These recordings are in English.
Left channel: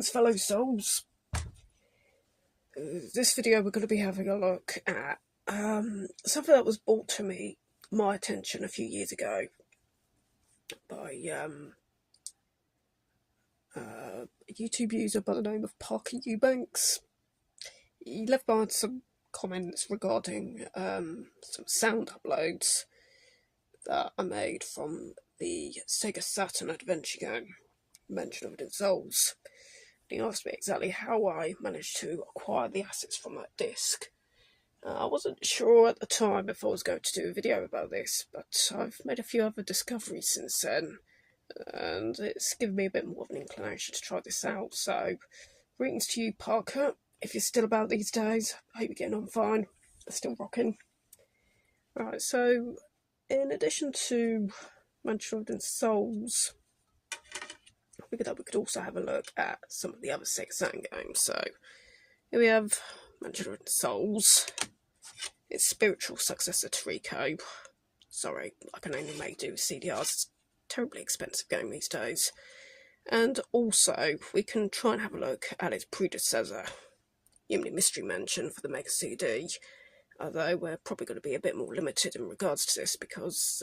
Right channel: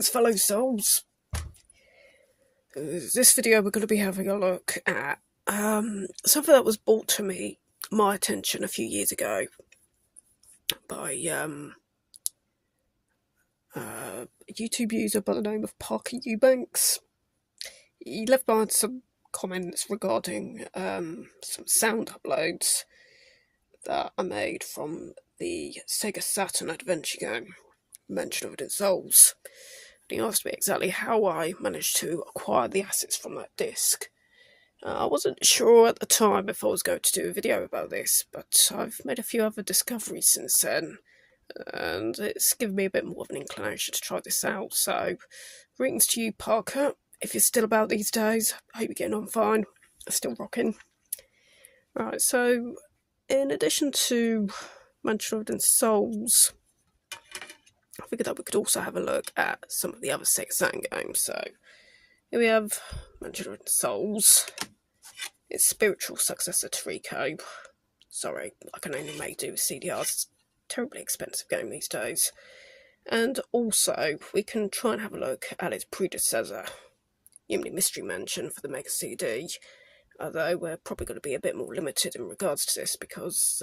Greetings, fellow souls. This video we're going to be having a look at something that was brought to my attention a few years ago by a YouTube user by the name of Parker Eubanks. He left behind some comments regarding some sound uploads that I made from the Sega Saturn adventure game mentioned of it in Souls. And he asked me exactly how I managed to acquire the assets from that disc. I wasn't sure at the time if I was going to do a video about this, but I've made a few other discoveries since then, and it's given me a bit more of an inclination to try this out. So, greetings to you, Parker. If you're still about these days, I hope you're getting on fine. I'm still rocking. Right, so, in addition to Mansion of Souls, I figured that we could also have a look at some of the other Sega Saturn games. So, here we have Mansion of Souls, its spiritual successor Torico. Sorry, I can only make do with CDRs. It's a terribly expensive game these days. And also, we can try and have a look at its predecessor, Yumemi Mystery Mansion for the Mega CD. Although we're probably going to be a bit more limited in regards to this because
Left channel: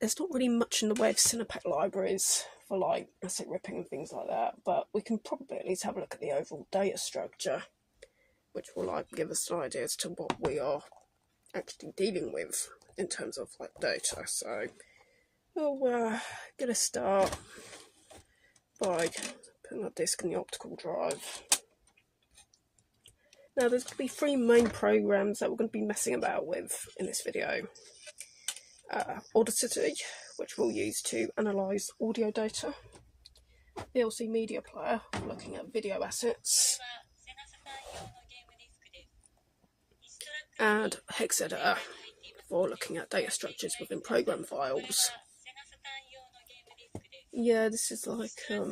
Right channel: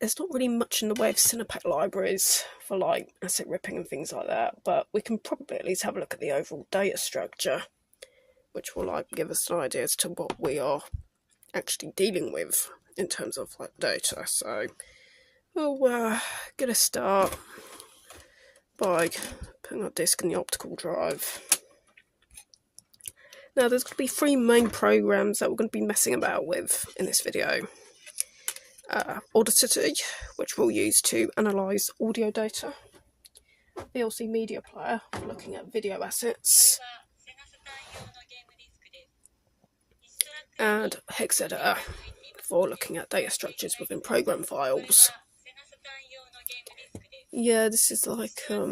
there's not really much in the way of Cinepak libraries for like asset ripping and things like that, but we can probably at least have a look at the overall data structure, which will like give us an idea as to what we are actually dealing with in terms of like data. So we'll get a start by putting our disk in the optical drive. Now there's going to be three main programs that we're going to be messing about with in this video. Audacity, which we'll use to analyse audio data, VLC Media Player, looking at video assets, and Hex Editor for looking at data structures within program files. Yeah, this is like a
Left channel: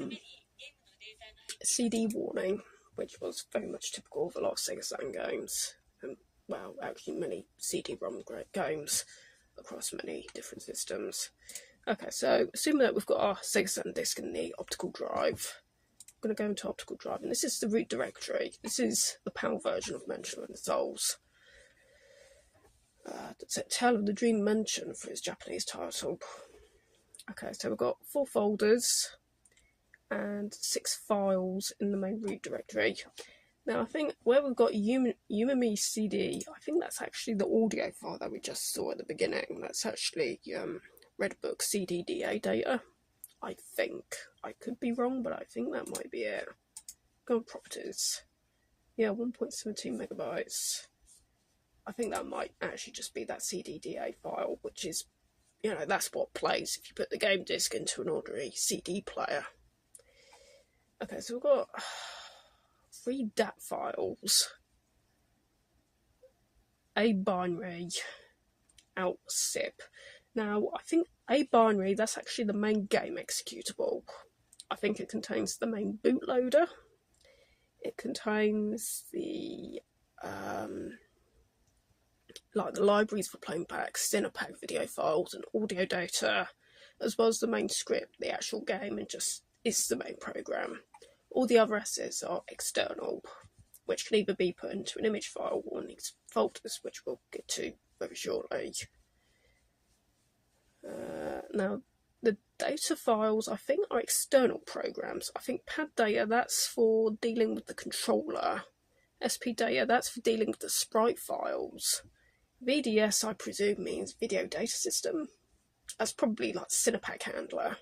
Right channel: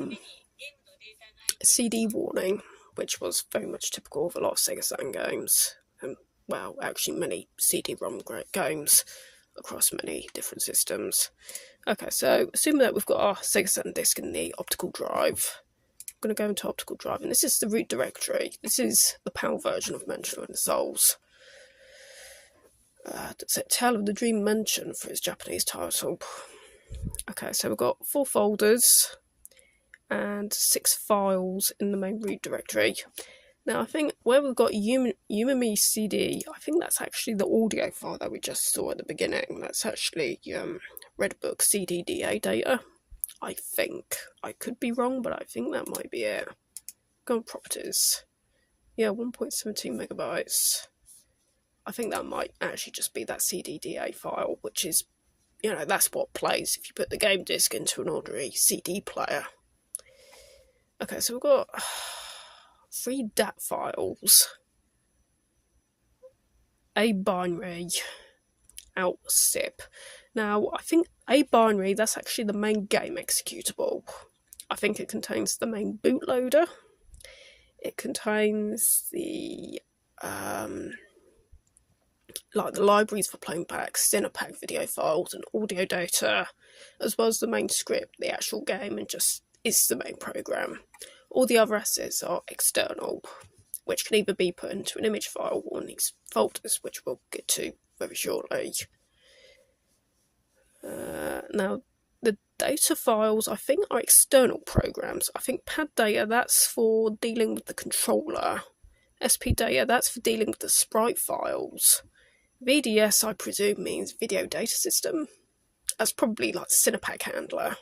CD warning, which was very much typical of a lot of Sega Saturn games, and well, actually many CD-ROM games across many different systems. Okay, so assuming that we've got our Sega Saturn disk in the optical drive, I'm going to go into optical drive, and this is the root directory. This is the PAL version of Mansion of Souls. That's it, Tale of the Dream Mansion for its Japanese title. Okay, so we've got 4 folders and 6 files in the main root directory. Now, I think where we've got Yumemi CD, I think that's actually the audio file that we just saw at the beginning. That's actually Redbook CDDA data, I think. I could be wrong, but I think that might be it. Go on properties. Yeah, 1.17 megabytes. I think that might actually just be that CDDA file, which is, you know, that's what plays if you put the game disc into an ordinary CD player. Okay, so we've got 3 DAT files, a binary, out zip. Now, I think a binary, that's actually the main game executable. I think it contains the main bootloader. It contains the like the libraries for playing back Cinepak video files and audio data, as well as the main script, the actual game, and just is the main program. All the other assets are external, which can either be put into an image file or in these folders, which we'll get to very shortly. Now, the data files, I think, are external programs. I think pad data, that's for dealing with the controller. SP data, that's for dealing with the sprite files. VDS, I presume, means video data system. That's probably like Cinepak handler.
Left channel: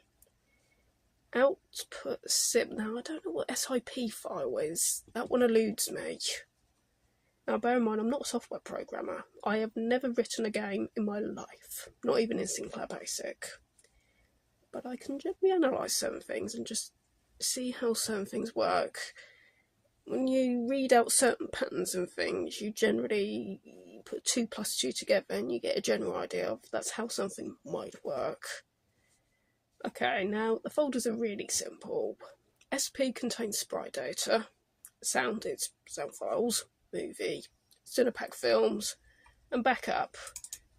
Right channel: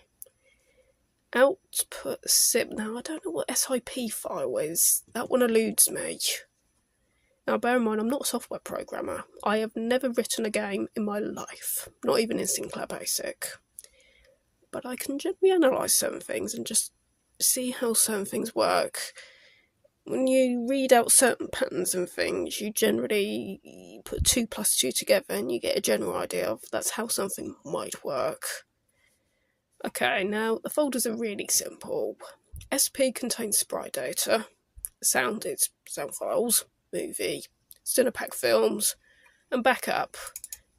Output zip. Now, I don't know what SIP file is. That one eludes me. Now, bear in mind, I'm not a software programmer. I have never written a game in my life, not even in Sinclair Basic. But I can generally analyse certain things and just see how certain things work. When you read out certain patterns and things, you generally put 2 plus 2 together and you get a general idea of that's how something might work. Okay, now the folders are really simple. SP contains sprite data, sound is sound files, movie, Cinepak films, and backup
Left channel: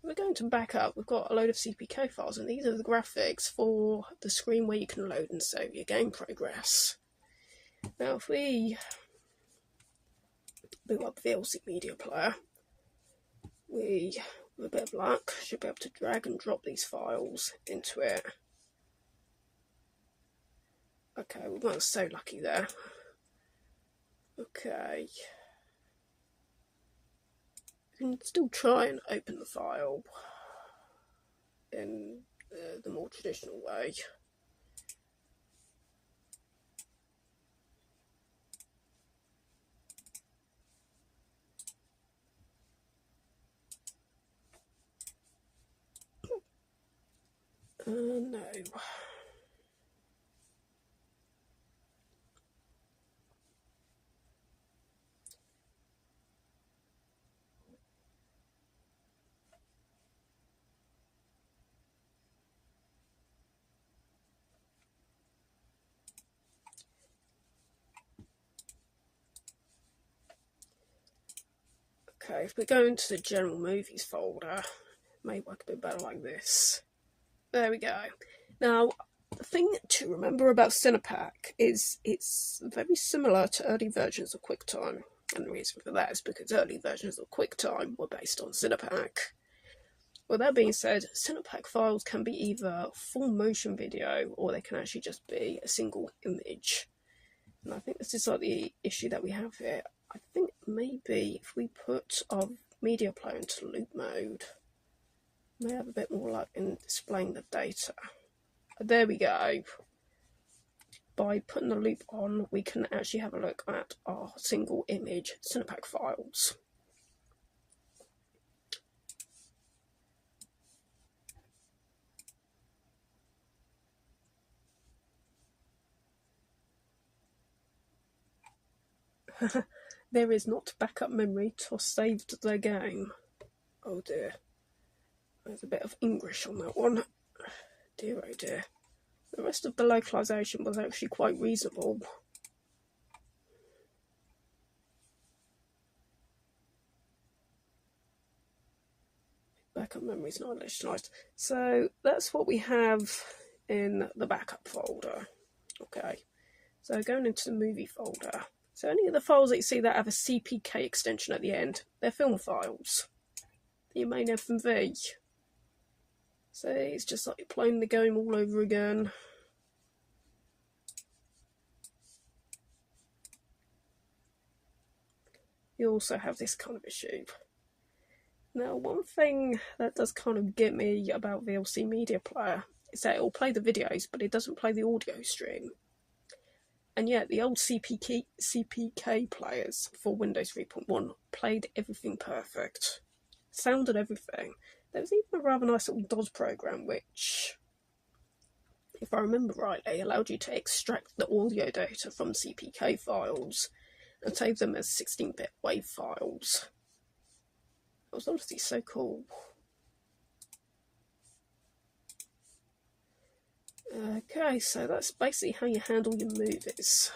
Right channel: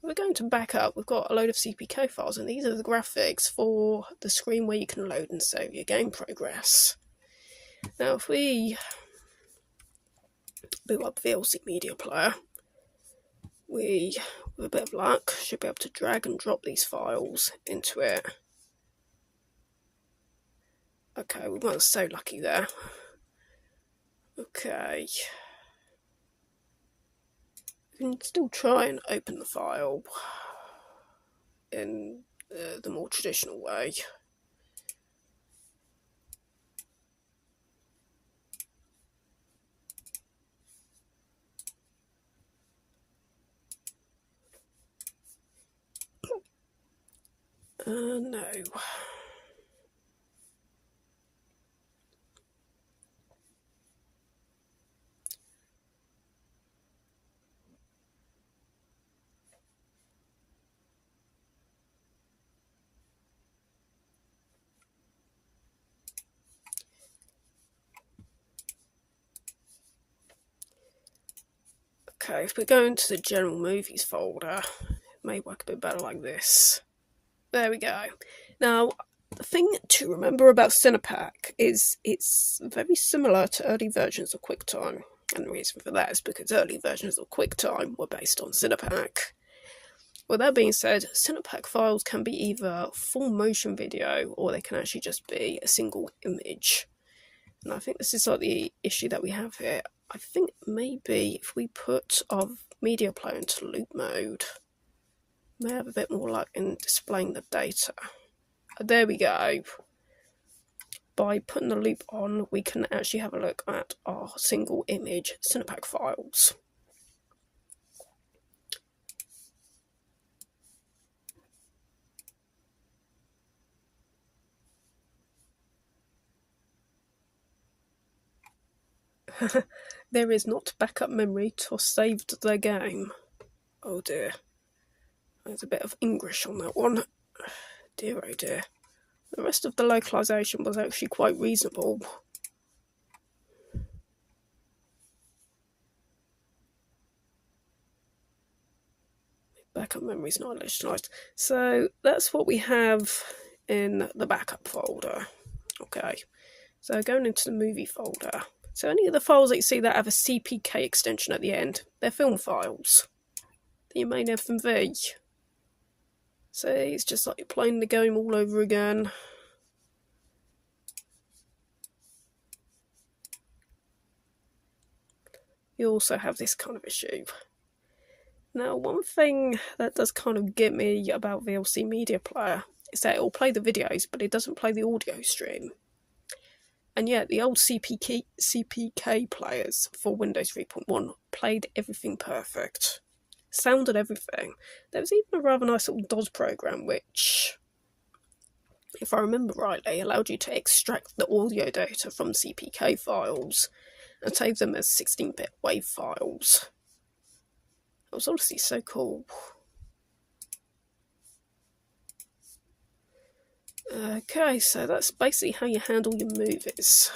We're going to back up. We've got a load of CPK files, and these are the graphics for the screen where you can load and save your game progress. Now, if we boot up VLC Media Player, we, with a bit of luck, should be able to drag and drop these files into it. Okay, we weren't so lucky there. Okay. We can still try and open the file in the more traditional way. No. Okay, if we go into the general movies folder, it may work a bit better like this. There we go. Now, the thing to remember about Cinepak is it's very similar to early versions of QuickTime. And the reason for that is because early versions of QuickTime were based on Cinepak. With that being said, Cinepak files can be either full motion video or they can actually just be a single image. And I think this is like the issue that we have here. I think maybe if we put our media player into loop mode, we may have a bit more luck in displaying the data. There we go. By putting the loop on, we can actually have a look at our single image Cinepak files. There is not backup memory to save the game. Oh dear. There's a bit of English on that one. Dear oh dear. The rest of the localization was actually quite reasonable. Backup memory's not initialized. So that's what we have in the backup folder. Okay. So going into the movie folder. So any of the files that you see that have a CPK extension at the end, they're film files. The main FMV. So it's just like you're playing the game all over again. You also have this kind of issue. Now, one thing that does kind of get me about VLC Media Player is that it will play the videos, but it doesn't play the audio stream. And yet, the old CPK players for Windows 3.1 played everything perfect. Sounded everything. There was even a rather nice little DOS program which, if I remember rightly, allowed you to extract the audio data from CPK files and save them as 16-bit WAV files. That was honestly so cool. Okay, so that's basically how you handle your movies.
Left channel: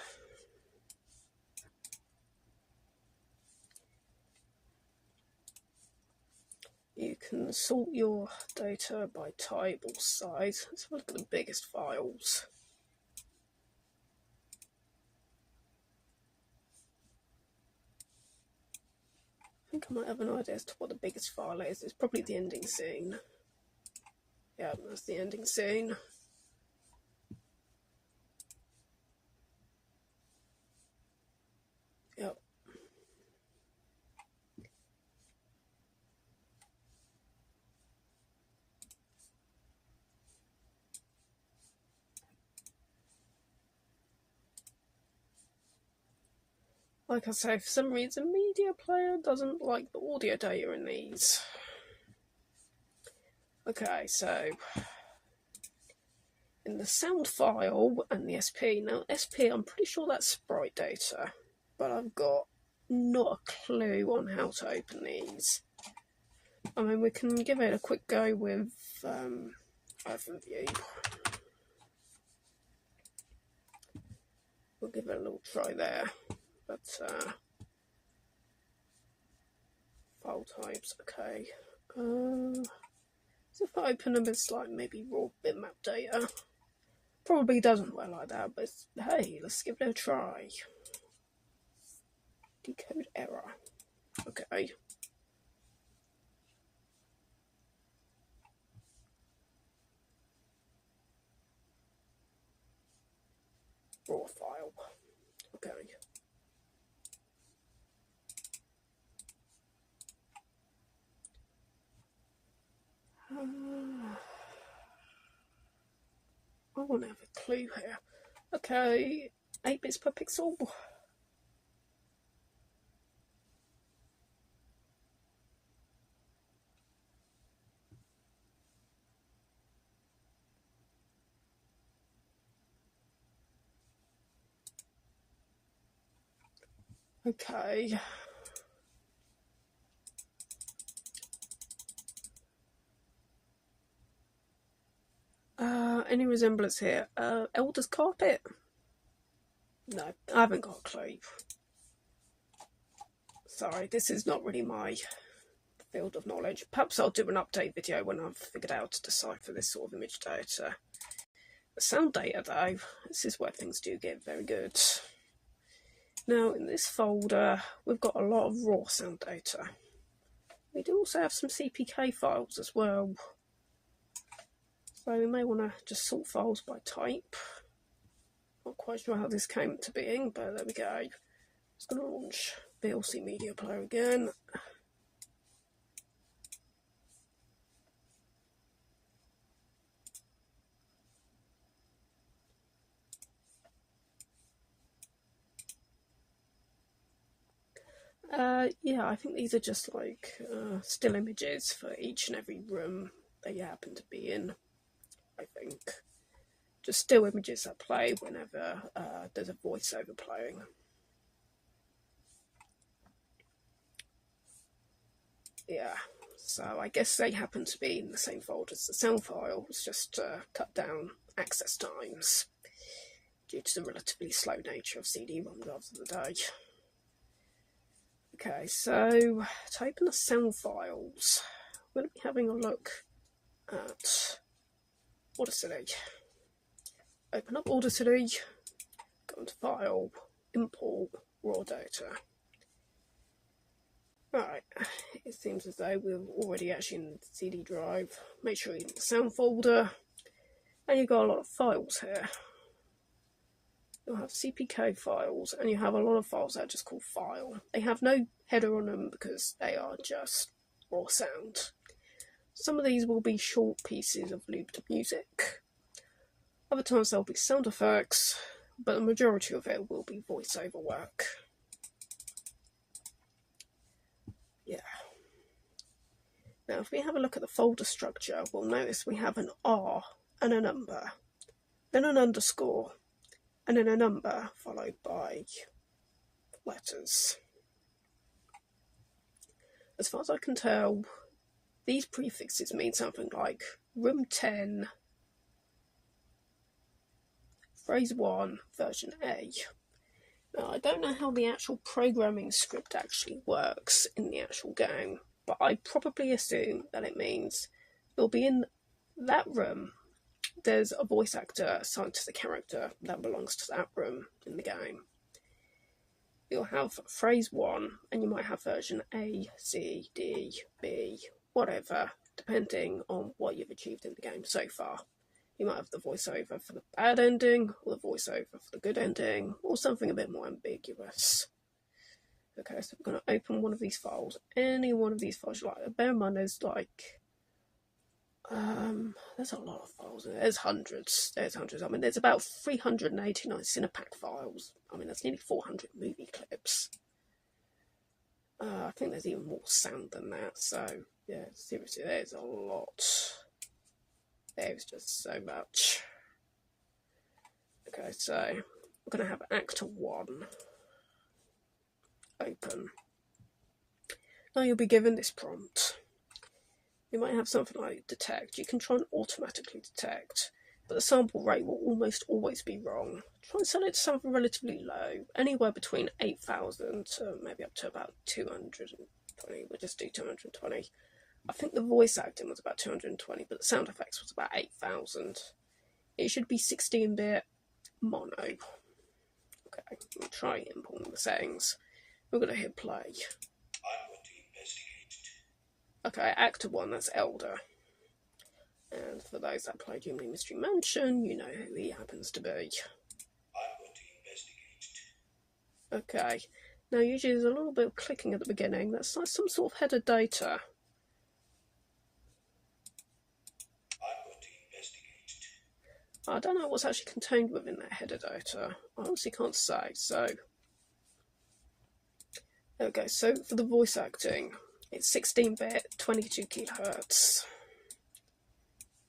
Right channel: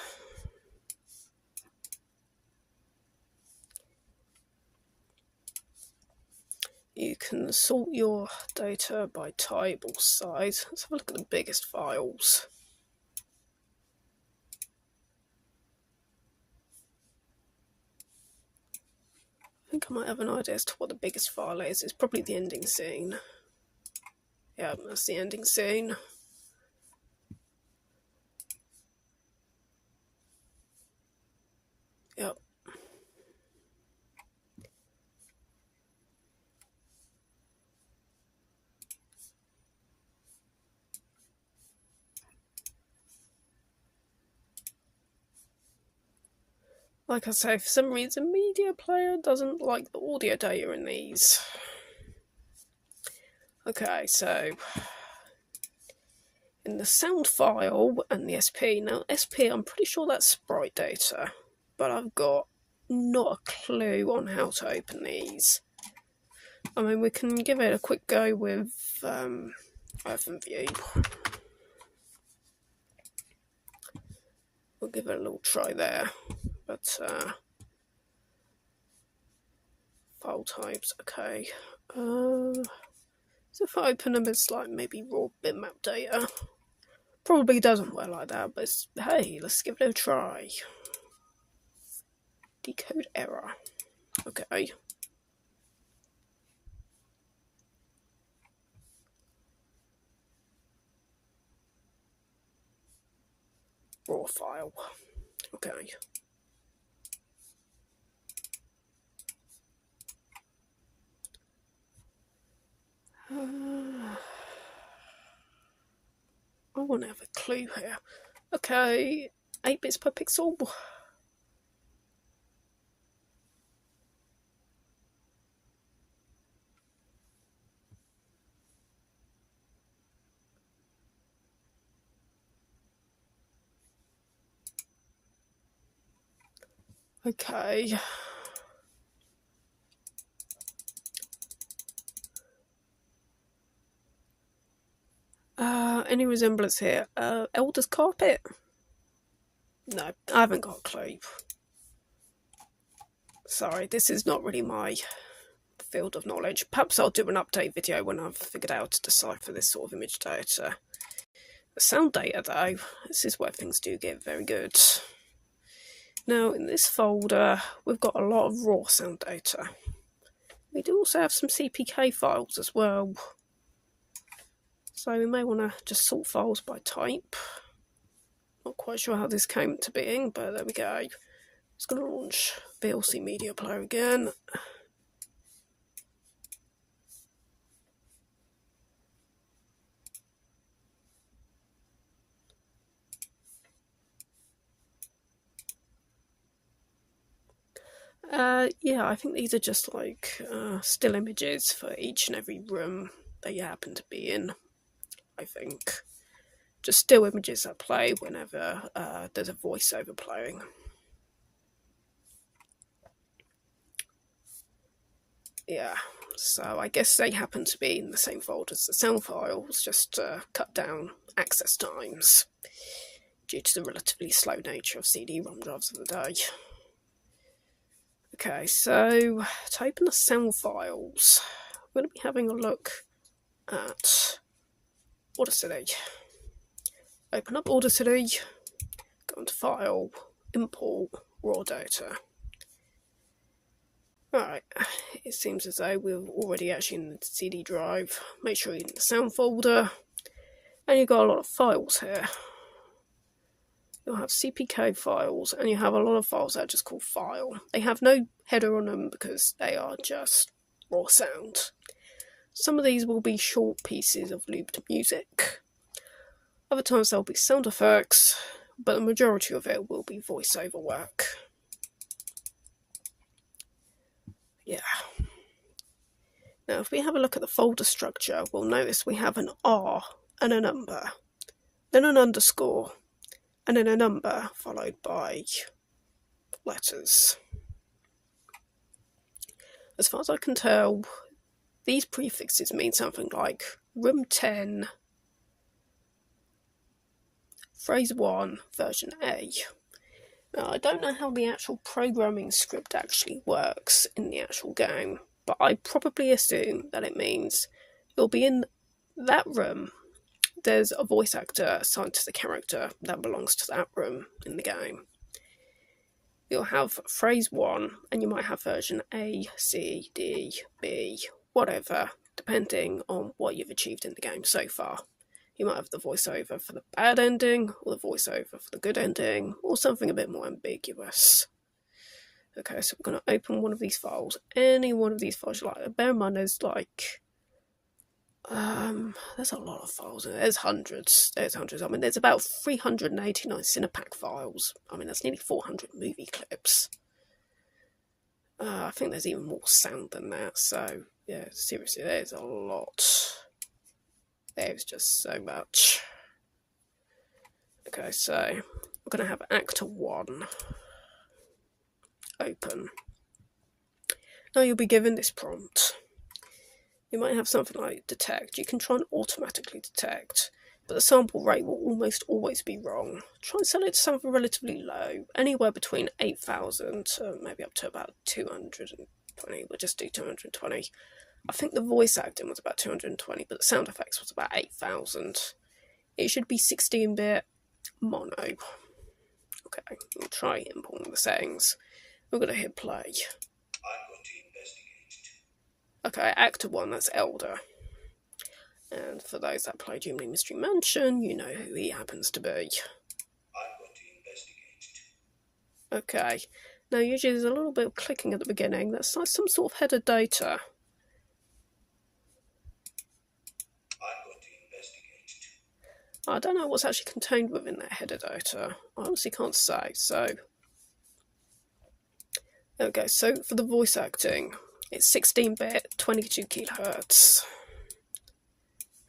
You can sort your data by type or size. Let's have a look at the biggest files. I think I might have an idea as to what the biggest file is. It's probably the ending scene. Yeah, that's the ending scene. Yep. Like I say, for some reason, Media Player doesn't like the audio data in these. Okay, so in the sound file and the SP, now SP, I'm pretty sure that's sprite data, but I've got not a clue on how to open these. I mean, we can give it a quick go with OpenView. We'll give it a little try there, but file types, okay. So if I open them as like maybe raw bitmap data, probably doesn't work like that, but hey, let's give it a try. Decode error. Okay. Raw file. Okay. I want to have a clue here. Okay, 8 bits per pixel. Okay. Any resemblance here? Elder's carpet? No, I haven't got a clue. Sorry, this is not really my field of knowledge. Perhaps I'll do an update video when I've figured out how to decipher this sort of image data. The sound data, though, this is where things do get very good. Now, in this folder, we've got a lot of raw sound data. We do also have some CPK files as well. So we may want to just sort files by type. Not quite sure how this came to being, but there we go. It's going to launch VLC Media Player again. Yeah, I think these are just like still images for each and every room that you happen to be in, I think. Just still images that play whenever there's a voiceover playing. Yeah, so I guess they happen to be in the same folder as the sound files, just cut down access times due to the relatively slow nature of CD-ROM drives of the day. Okay, so to open the sound files, we're going to be having a look at Audacity. Open up Audacity, go into File, Import, Raw Data. Alright, it seems as though we're already actually in the CD drive. Make sure you're in the sound folder, and you've got a lot of files here. You'll have CPK files, and you have a lot of files that are just called file. They have no header on them because they are just raw sound. Some of these will be short pieces of looped music. Other times there'll be sound effects, but the majority of it will be voiceover work. Yeah. Now, if we have a look at the folder structure, we'll notice we have an R and a number, then an underscore, and then a number followed by letters. As far as I can tell, these prefixes mean something like room 10, phrase 1, version A. Now, I don't know how the actual programming script actually works in the actual game, but I probably assume that it means it'll be in that room. There's a voice actor assigned to the character that belongs to that room in the game. You'll have phrase 1, and you might have version A, C, D, B, whatever, depending on what you've achieved in the game so far. You might have the voiceover for the bad ending, or the voiceover for the good ending, or something a bit more ambiguous. Okay, so we're going to open one of these files. Any one of these files you like. Bear in mind there's like... there's a lot of files. There's hundreds. I mean, there's about 389 Cinepak files. I mean, that's nearly 400 movie clips. I think there's even more sound than that. So, yeah, seriously, there's a lot. There's just so much. Okay, so we're going to have Actor 1 open. Now you'll be given this prompt. You might have something like detect. You can try and automatically detect, but the sample rate will almost always be wrong. Try and set it to something relatively low, anywhere between 8,000 to maybe up to about 220. We'll just do 220. I think the voice acting was about 220, but the sound effects was about 8,000. It should be 16-bit mono. Okay, we'll try importing the settings. We're going to hit play. I'm going to investigate. Okay, actor 1, that's Elder. And for those that played Yumemi Mystery Mansion, you know who he happens to be. I'm going to investigate. Okay, now usually there's a little bit of clicking at the beginning. That's like some sort of header data. I'm going to investigate. I don't know what's actually contained within that header data. I honestly can't say, so... Okay, so for the voice acting, it's 16-bit, 22 kHz.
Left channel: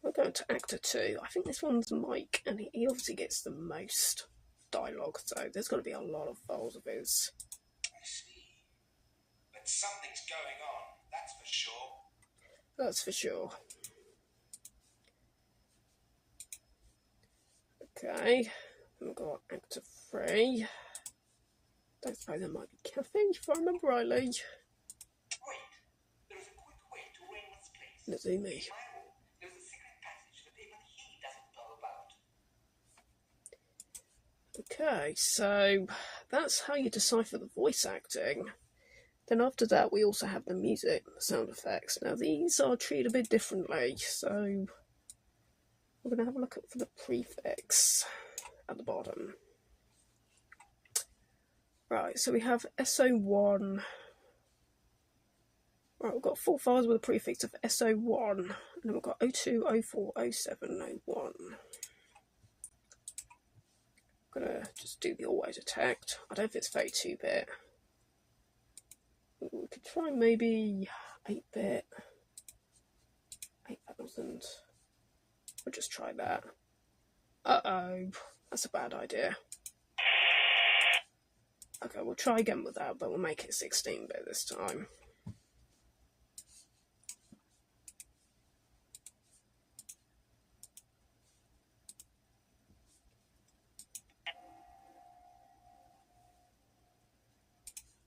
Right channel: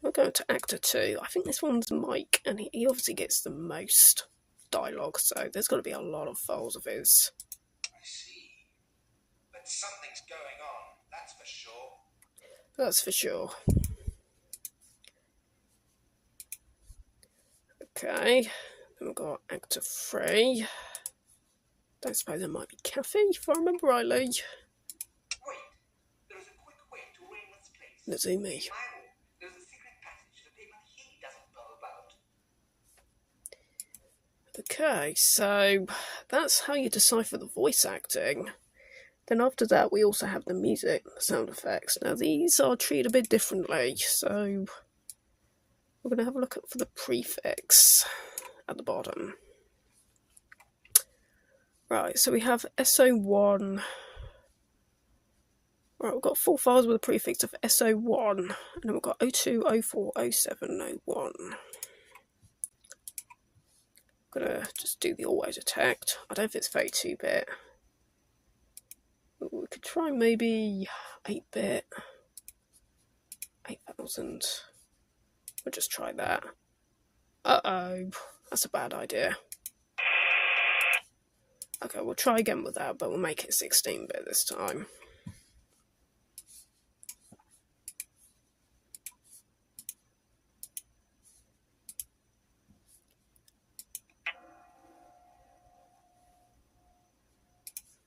We're going to actor 2. I think this one's Mike, and he obviously gets the most dialogue, so there's got to be a lot of files of his. I see. But something's going on, that's for sure. That's for sure. Okay, then we've got actor 3. Don't suppose there might be Kathy, if I remember rightly. Wait, there's a quick way to ring this place. Nazumi. There's a secret passage that even he doesn't know about. Okay, so that's how you decipher the voice acting. Then after that, we also have the music, the sound effects. Now these are treated a bit differently, so we're going to have a look at for the prefix at the bottom. Right, so we have SO1. Right, we've got 4 files with a prefix of SO1, and then we've got 02, 04, 07, 01. I'm gonna just do the always detect. I don't think it's 32-bit. We could try maybe 8-bit. 8,000. We'll just try that. Uh-oh, that's a bad idea. Okay, we'll try again with that, but we'll make it 16-bit this time.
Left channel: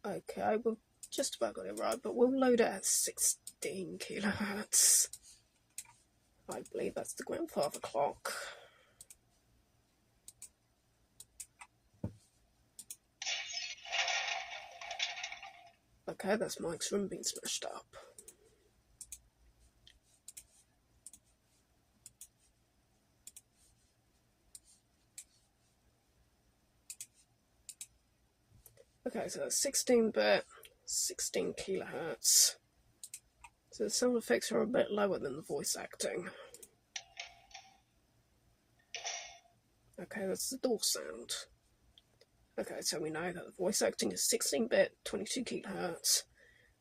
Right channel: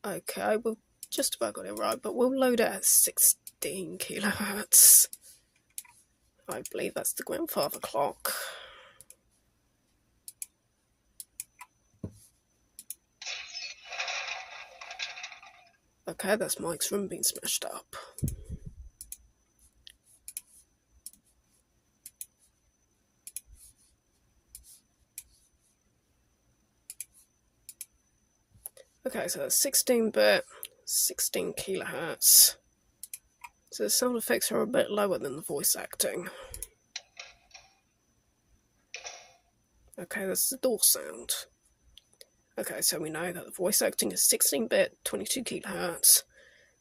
Okay, we've just about got it right, but we'll load it at 16 kHz. I believe that's the grandfather clock. Okay, that's Mike's room being smashed up. Okay, so that's 16-bit, 16 kHz. So the sound effects are a bit lower than the voice acting. Okay, that's the door sound. Okay, so we know that the voice acting is 16-bit, 22 kHz.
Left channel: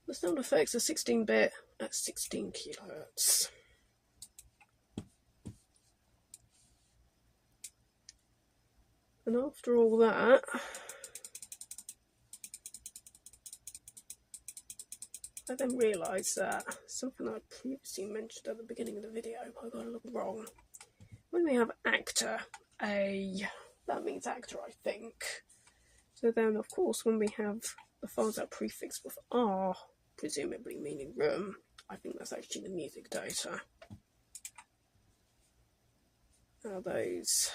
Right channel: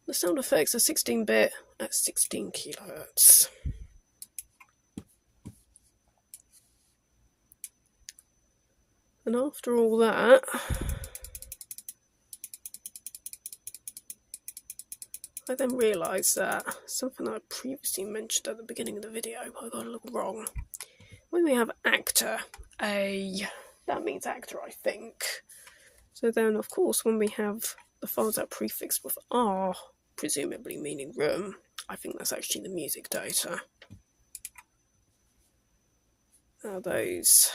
The sound effects are 16-bit at 16 kHz. And after all that, I then realised that something I previously mentioned at the beginning of the video, I got a little wrong. When we have actor A, that means actor, I think. So then, of course, when we have the files that prefix with R, presumably meaning room, I think that's actually the music data. Now those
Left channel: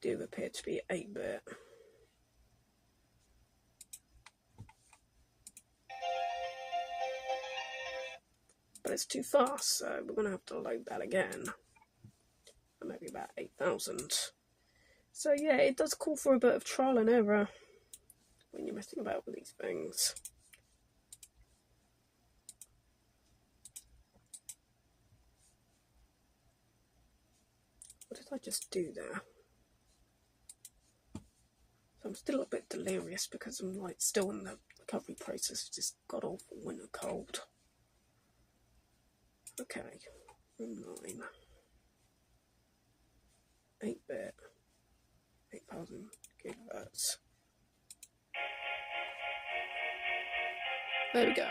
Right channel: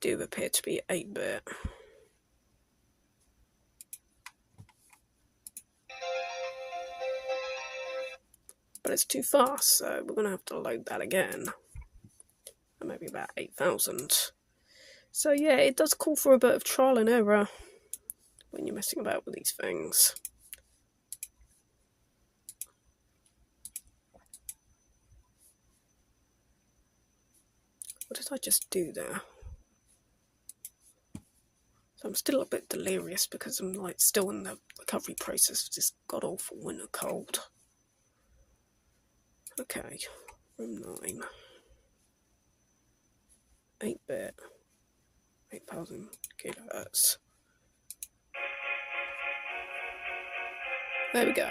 do appear to be 8-bit. But it's too fast, so we're going to have to load that again. And maybe about 8,000. So yeah, it does call for a bit of trial and error when you're messing about with these things. What did I just do there? So I'm still a bit delirious because I'm like still in the recovery process of this god-awful winter cold. Okay, room 9. 8-bit, 8,000 kHz. There we go.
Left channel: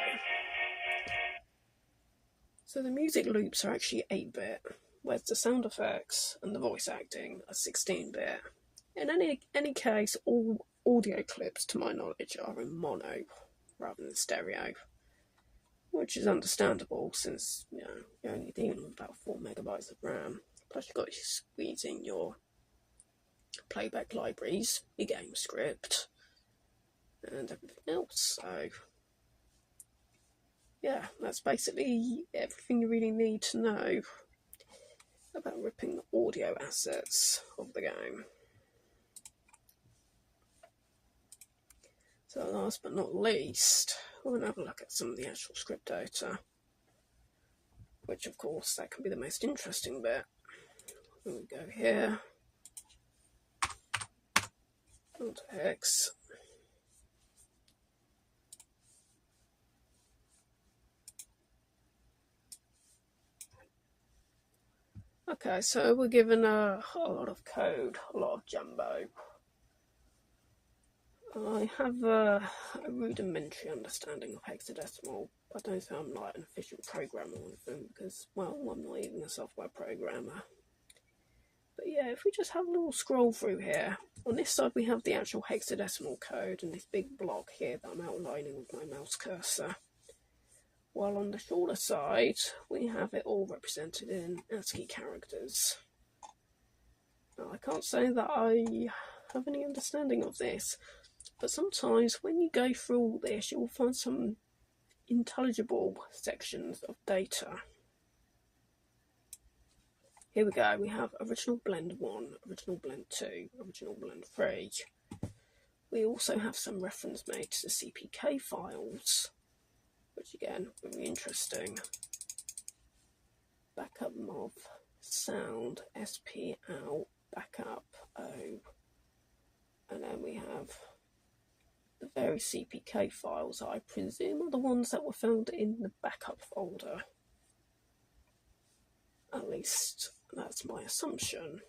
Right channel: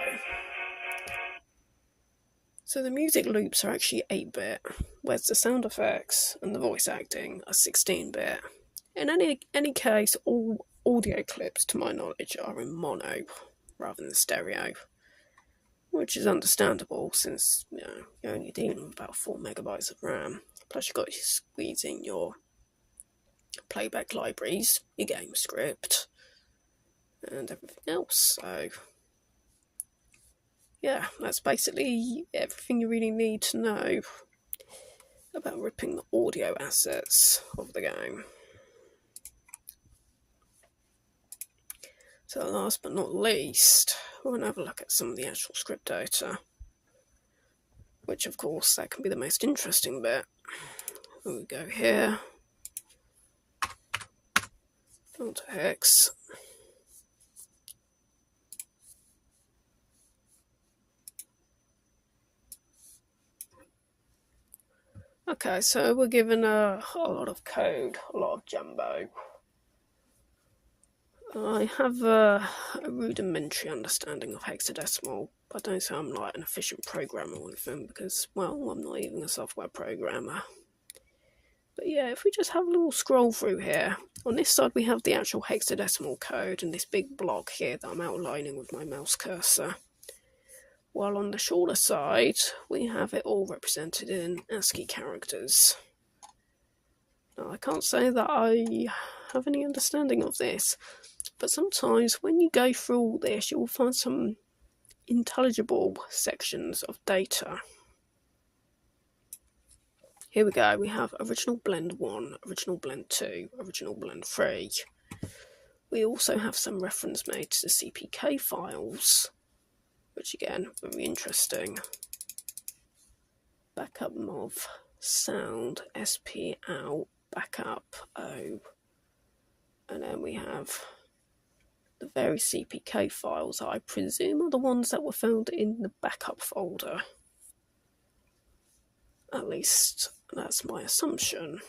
So the music loops are actually 8-bit, whereas the sound effects and the voice acting are 16-bit. In any case, all audio clips, to my knowledge, are in mono rather than stereo. which is understandable since you're only dealing with about 4 megabytes of RAM. Plus, you've got to squeeze in your playback libraries, your game script, and everything else. So, yeah, that's basically everything you really need to know about ripping the audio assets of the game. So last but not least, we're going to have a look at some of the actual script data, which of course that can be the most interesting bit. We go here, onto Hex. Okay, so we're given a lot of code, a lot of jumbo. I have a rudimentary understanding of hexadecimal, but I don't say I'm like an efficient programmer or anything because, well, I'm not even a software programmer. But yeah, if we just have a little scroll through here, on this side we have the actual hexadecimal code and this big block here that I'm outlining with my mouse cursor. While on the shorter side, we have it all represented in ASCII characters. Now, I can't say that I have any understanding of this, but sometimes when you go through all this, you'll find some intelligible sections of data. Here we go, we have original blend 1, original blend 2, original blend 3. We also have some reference made to the CPK files, which again, very interesting. Backup MOV, sound, SP out, backup O, and then we have the various CPK files that I presume are the ones that were found in the backup folder. At least that's my assumption.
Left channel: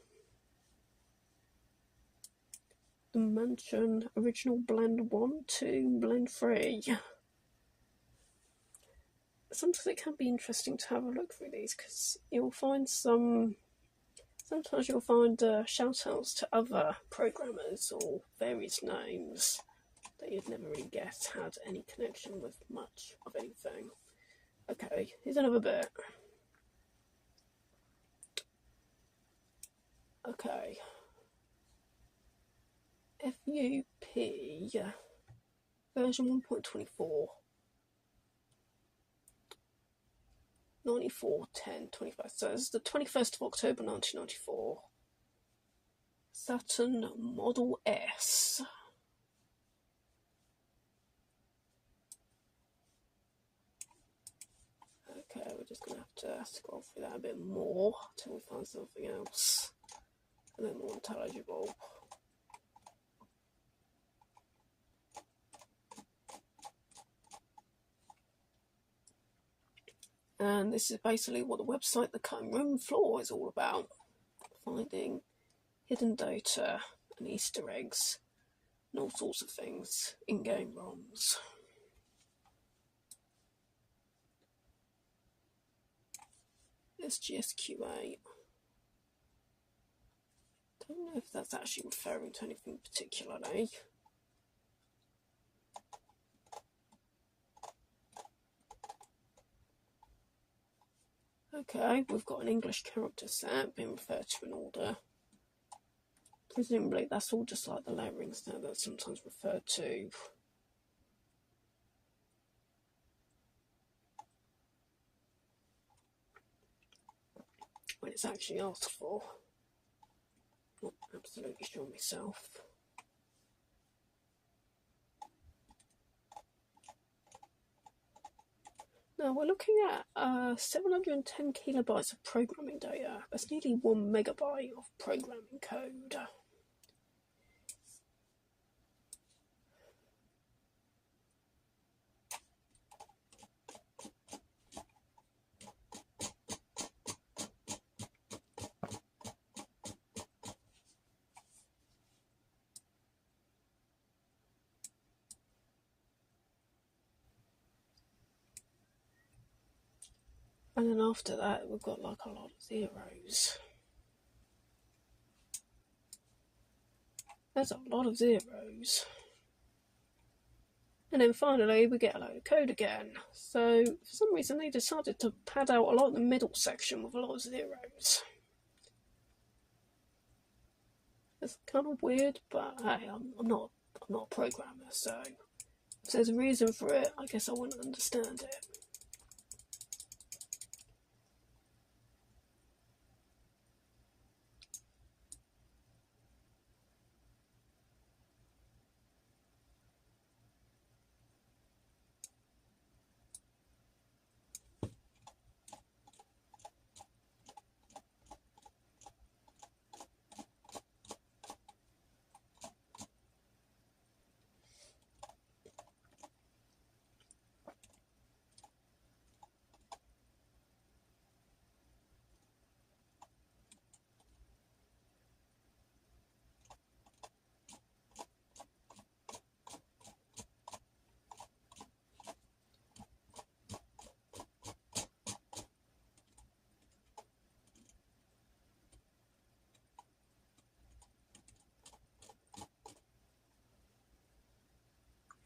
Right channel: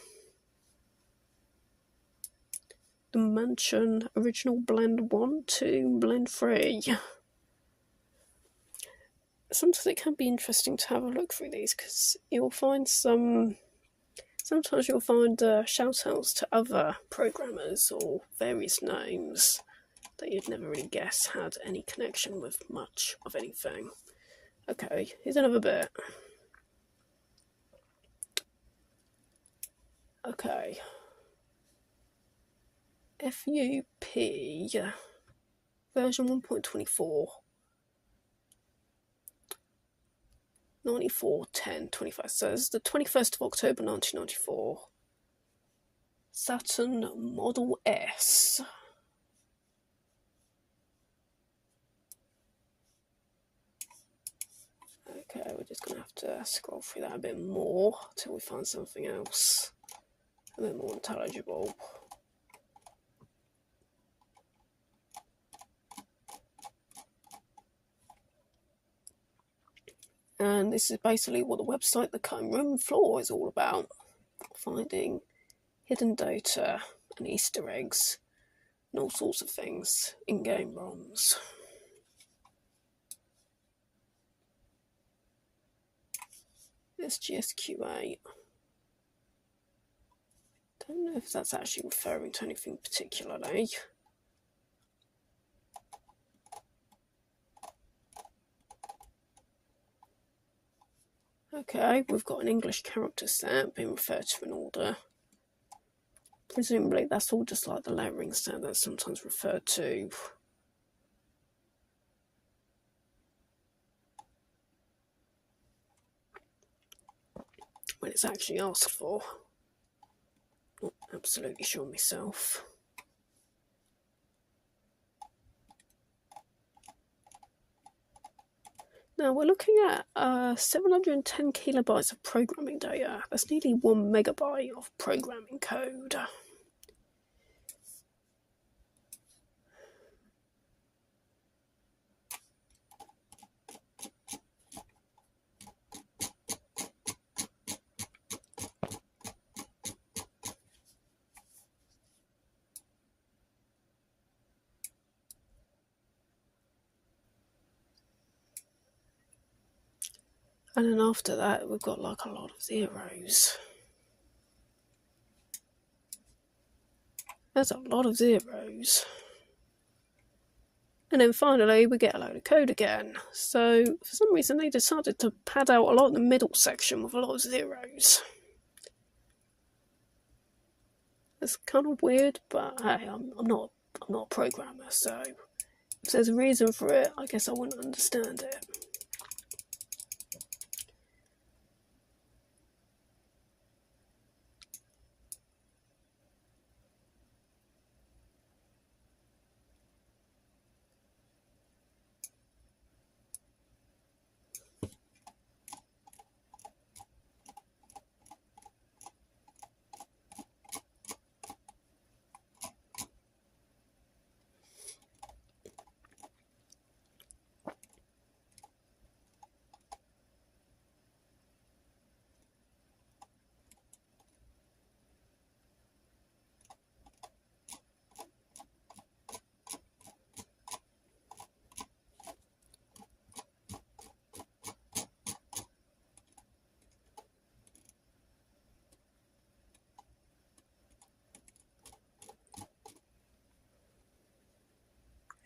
Dimension, original blend 1, 2, blend 3. Sometimes it can be interesting to have a look through these because you'll find sometimes you'll find shout outs to other programmers or various names that you'd never really guess had any connection with much of anything. Okay, here's another bit. Okay. FUP version 1.24 941025. So it's the 21st of October 1994. Saturn Model S. Okay, we're just going to have to scroll through that a bit more until we find something else a bit more intelligible. And this is basically what the website The Cutting Room Floor is all about. Finding hidden data and Easter eggs and all sorts of things in game ROMs. SGSQ8. Don't know if that's actually referring to anything particularly. Okay, we've got an English character set being referred to in order. Presumably that's all just like the layering set that's sometimes referred to. When it's actually asked for. Not absolutely sure myself. Now we're looking at 710 kilobytes of programming data. That's nearly 1 megabyte of programming code. And then after that, we've got like a lot of zeros. There's a lot of zeros. And then finally we get a load of code again. So for some reason they decided to pad out a lot of the middle section with a lot of zeros. It's kind of weird, but hey, I'm not a programmer, so if there's a reason for it, I guess I wouldn't understand it.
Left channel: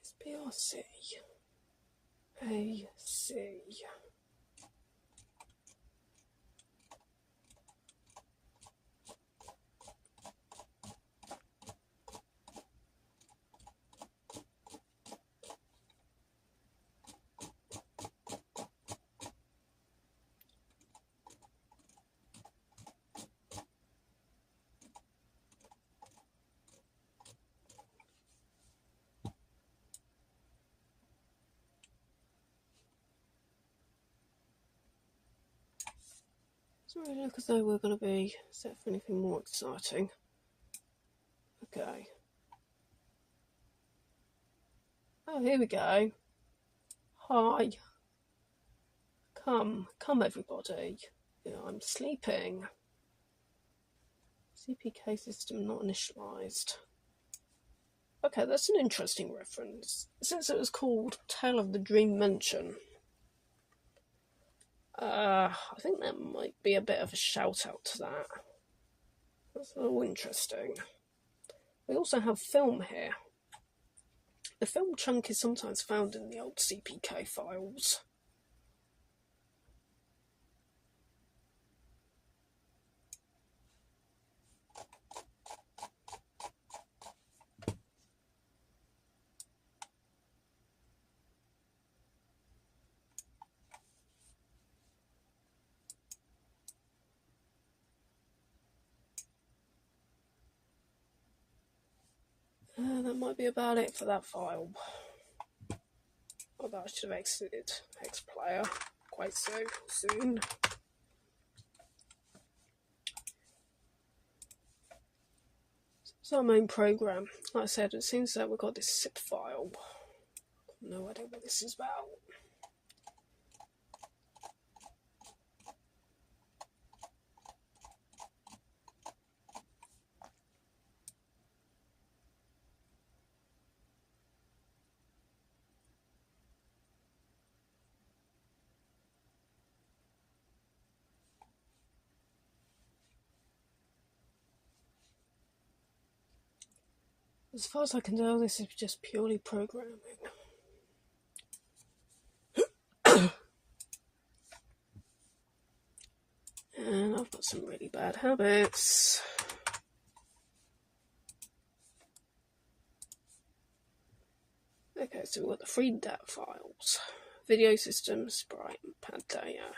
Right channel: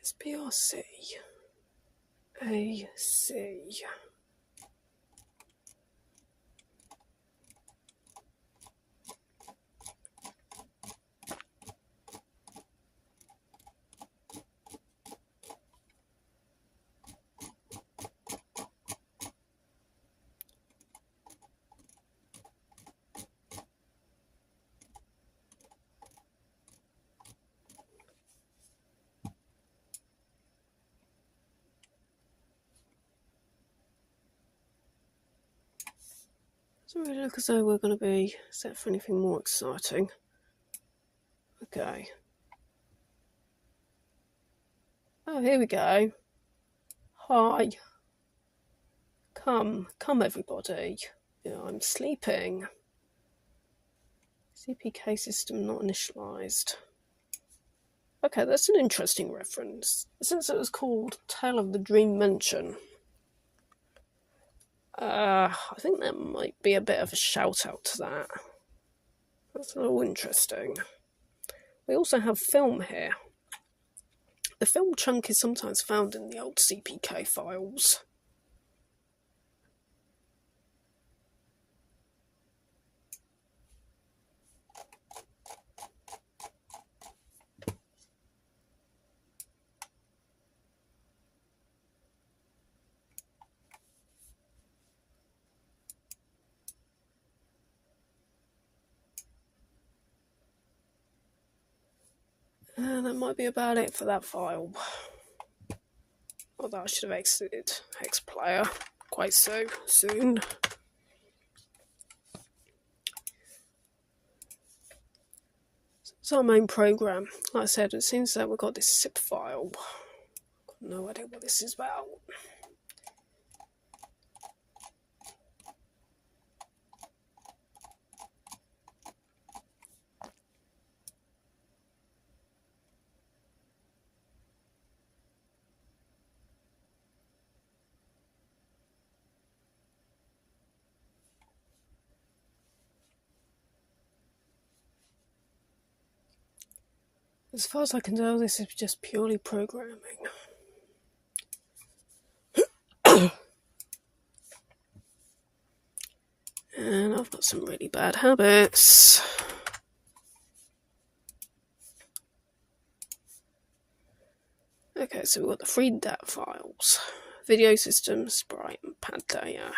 SPRC AC. Doesn't really look as though we're going to be set for anything more exciting. Okay. Oh, here we go. Hi. Come everybody. Yeah, I'm sleeping. CPK system not initialized. Okay, that's an interesting reference. Since it was called Tale of the Dream Mansion, I think that might be a bit of a shout out to that. That's a little interesting. We also have film here. The film chunk is sometimes found in the old CPK files. That might be about it for that file. Although I should have exited Xplayer quite so soon. It's our main program. Like I said, it seems that we've got this zip file. I've got no idea what this is about. As far as I can tell, this is just purely programming. And I've got some really bad habits. Okay, so we've got the three DAT files. Video system, sprite, and pad data.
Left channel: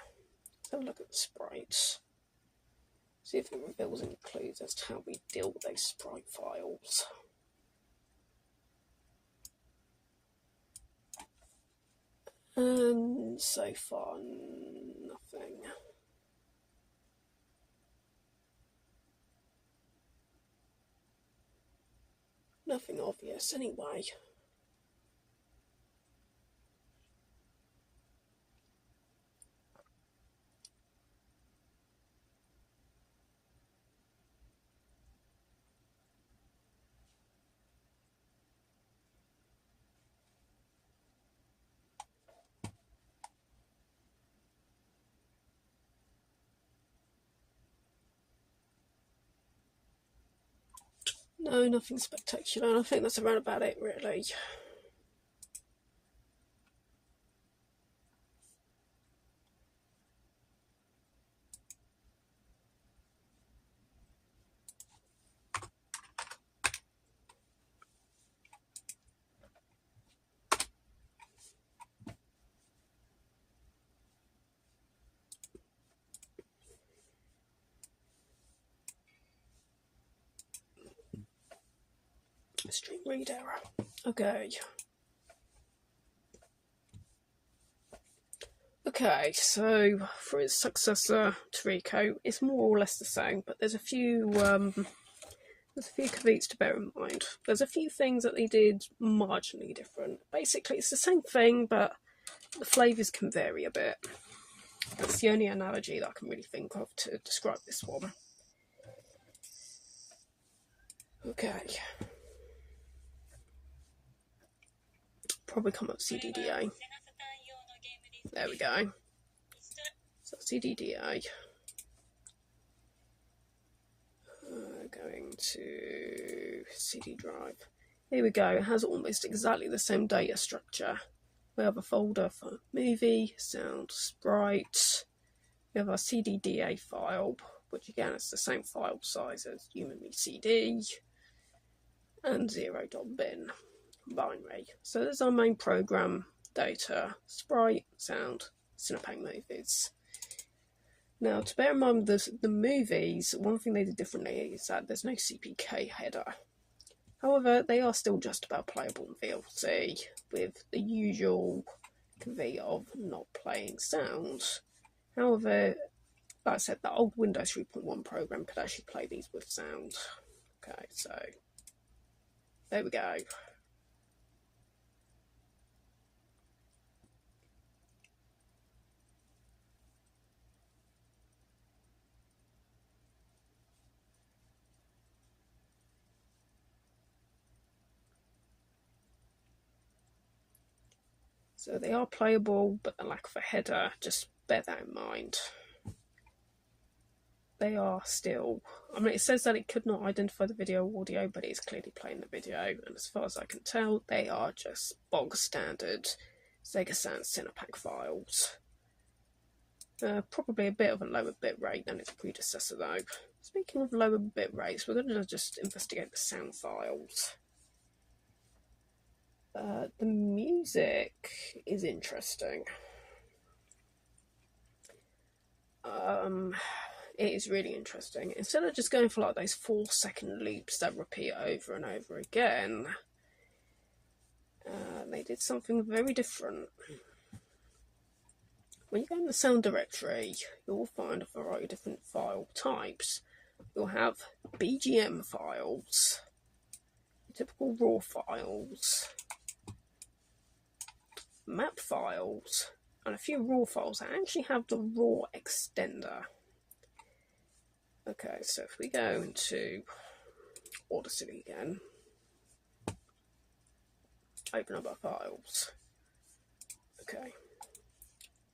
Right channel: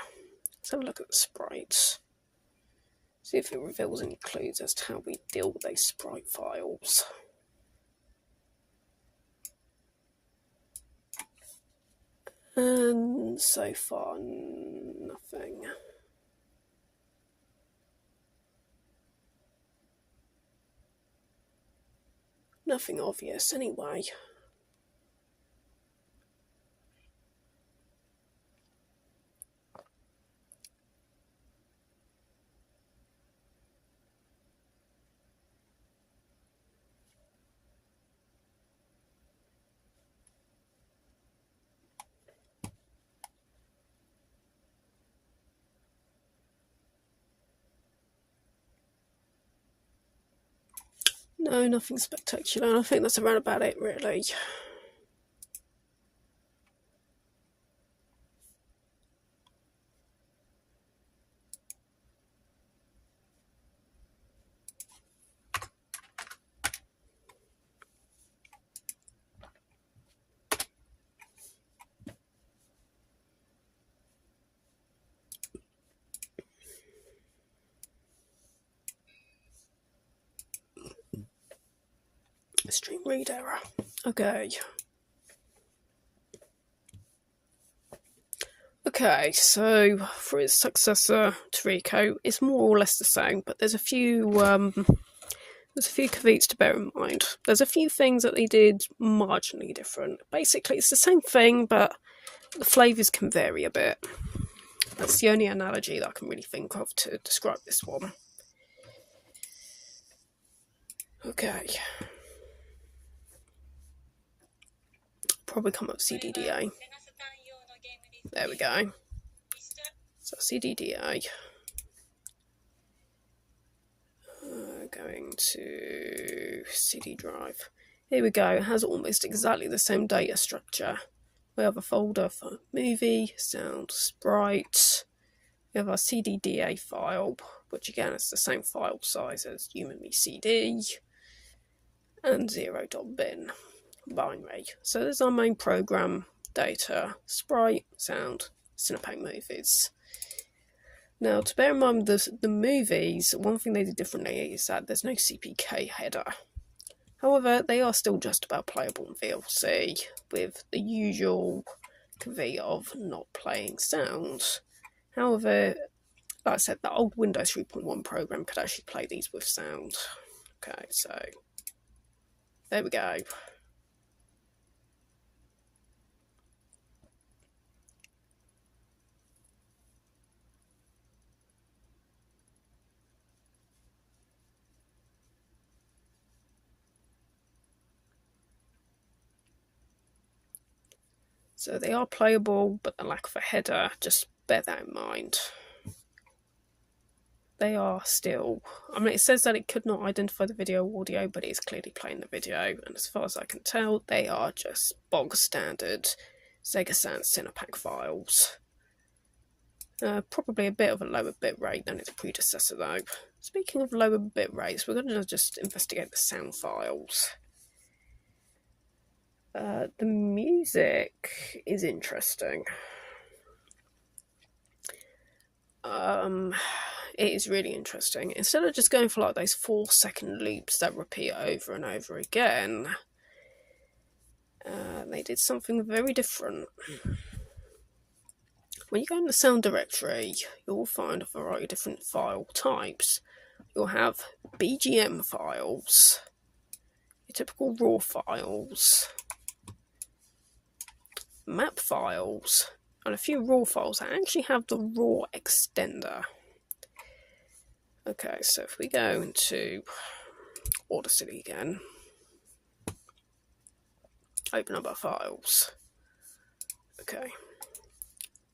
Let's have a look at the sprites. See if it reveals any clues as to how we deal with these sprite files. And so far, nothing. Nothing obvious anyway. No, nothing spectacular. I think that's around about it, really. Stream read error. Okay. Okay, so for its successor, Torico, it's more or less the same, but there's a few caveats to bear in mind. There's a few things that they did marginally different. Basically, it's the same thing, but the flavours can vary a bit. That's the only analogy that I can really think of to describe this one. Okay. Probably come up with CDDA. There we go. So CDDA. Going to CD drive. Here we go. It has almost exactly the same data structure. We have a folder for movie, sound, sprite. We have our CDDA file, which again is the same file size as Yumemi CD, and 0.bin binary. So there's our main program data, sprite, sound, Cinepak movies. Now, to bear in mind the movies, one thing they did differently is that there's no CPK header. However, they are still just about playable in VLC, with the usual caveat of not playing sound. However, like I said, the old Windows 3.1 program could actually play these with sound. Okay, so there we go. So they are playable, but the lack of a header, just bear that in mind. They are still, I mean, it says that it could not identify the video audio, but it is clearly playing the video, and as far as I can tell, they are just bog standard Sega CD Cinepak files. Probably a bit of a lower bitrate than its predecessor though. Speaking of lower bit rates, we're going to just investigate the sound files. The music is interesting. It is really interesting. Instead of just going for like those 4-second loops that repeat over and over again, they did something very different. When you go in the sound directory, you'll find a variety of different file types. You'll have BGM files, your typical RAW files, map files, and a few RAW files that actually have the RAW extender. Okay, so if we go into Audacity again, open up our files. Okay,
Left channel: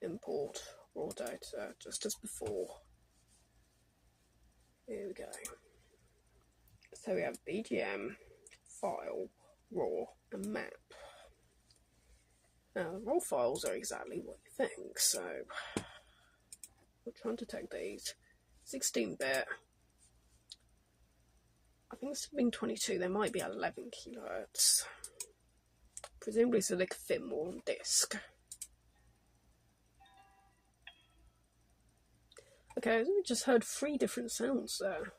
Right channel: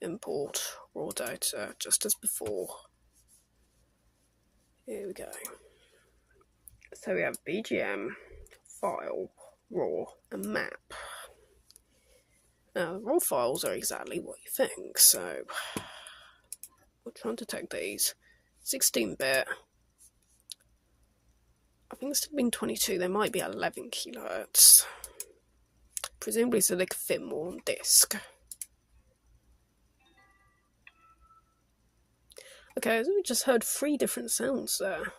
import raw data just as before. Here we go. So we have BGM, file, raw, and map. Now, raw files are exactly what you think, so we'll try and detect these. 16-bit. I think it's been 22, they might be 11 kilohertz. Presumably so they could fit more on disk. Okay, so we just heard 3 different sounds there.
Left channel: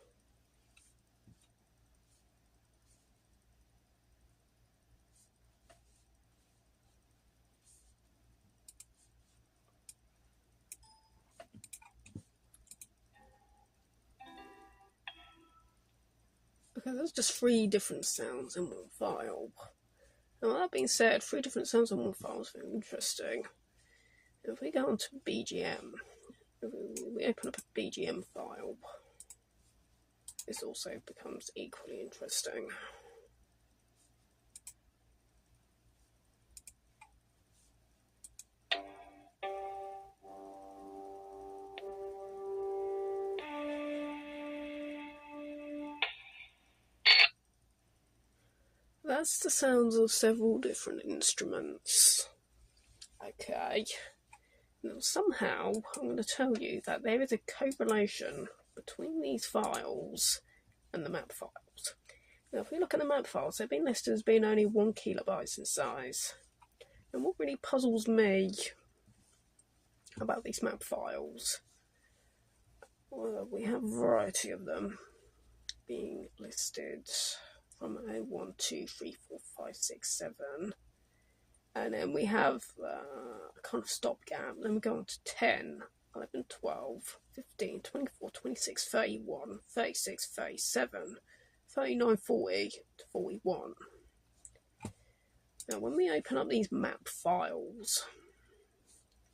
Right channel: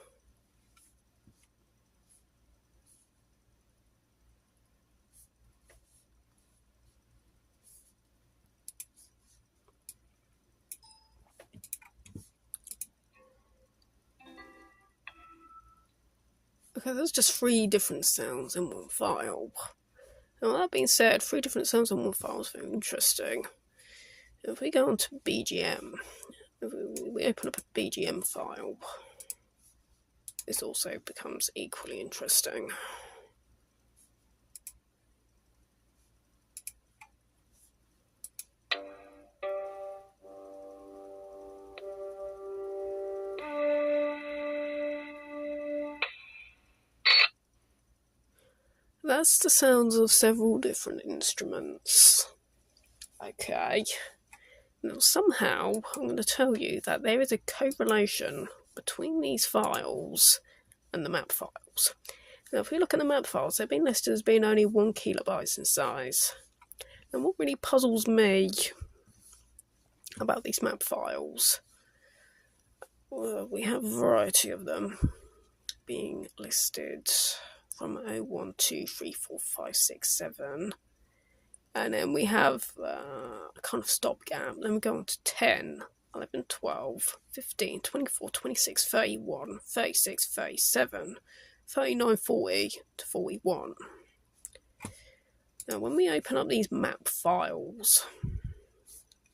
Okay, there's just 3 different sounds in one file. Now that being said, 3 different sounds in one file is very interesting. If we go onto BGM, if we open up a BGM file, this also becomes equally interesting. That's the sounds of several different instruments. Okay. Now somehow, I'm going to tell you that there is a correlation between these files and the map files. Now if we look at the map files, they've been listed as being only 1 kilobyte in size. And what really puzzles me about these map files, well, we have a variety of them being listed. from 0, 1, 2, 3, 4, 5, 6, 7. And then we have a kind of stopgap. Then we go on to 10, 11, 12, 15, 24, 26, 31, 36, 37, 39, 40 to 41. Now, when we open up these map files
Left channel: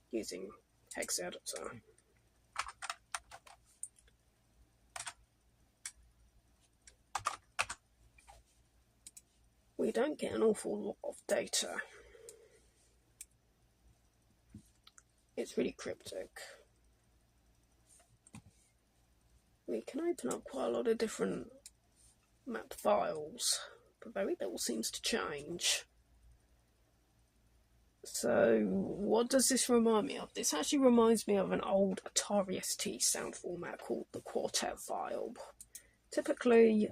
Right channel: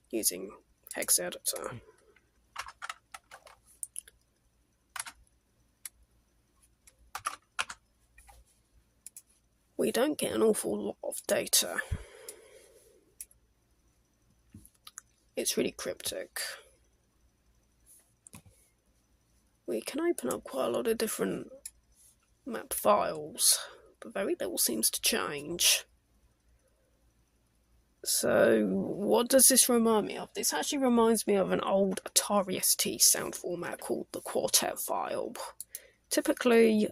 using hex editor, we don't get an awful lot of data. It's really cryptic. We can open up quite a lot of different map files, but very little seems to change. So what does this remind me of? This actually reminds me of an old Atari ST sound format called the quartet file. Typically,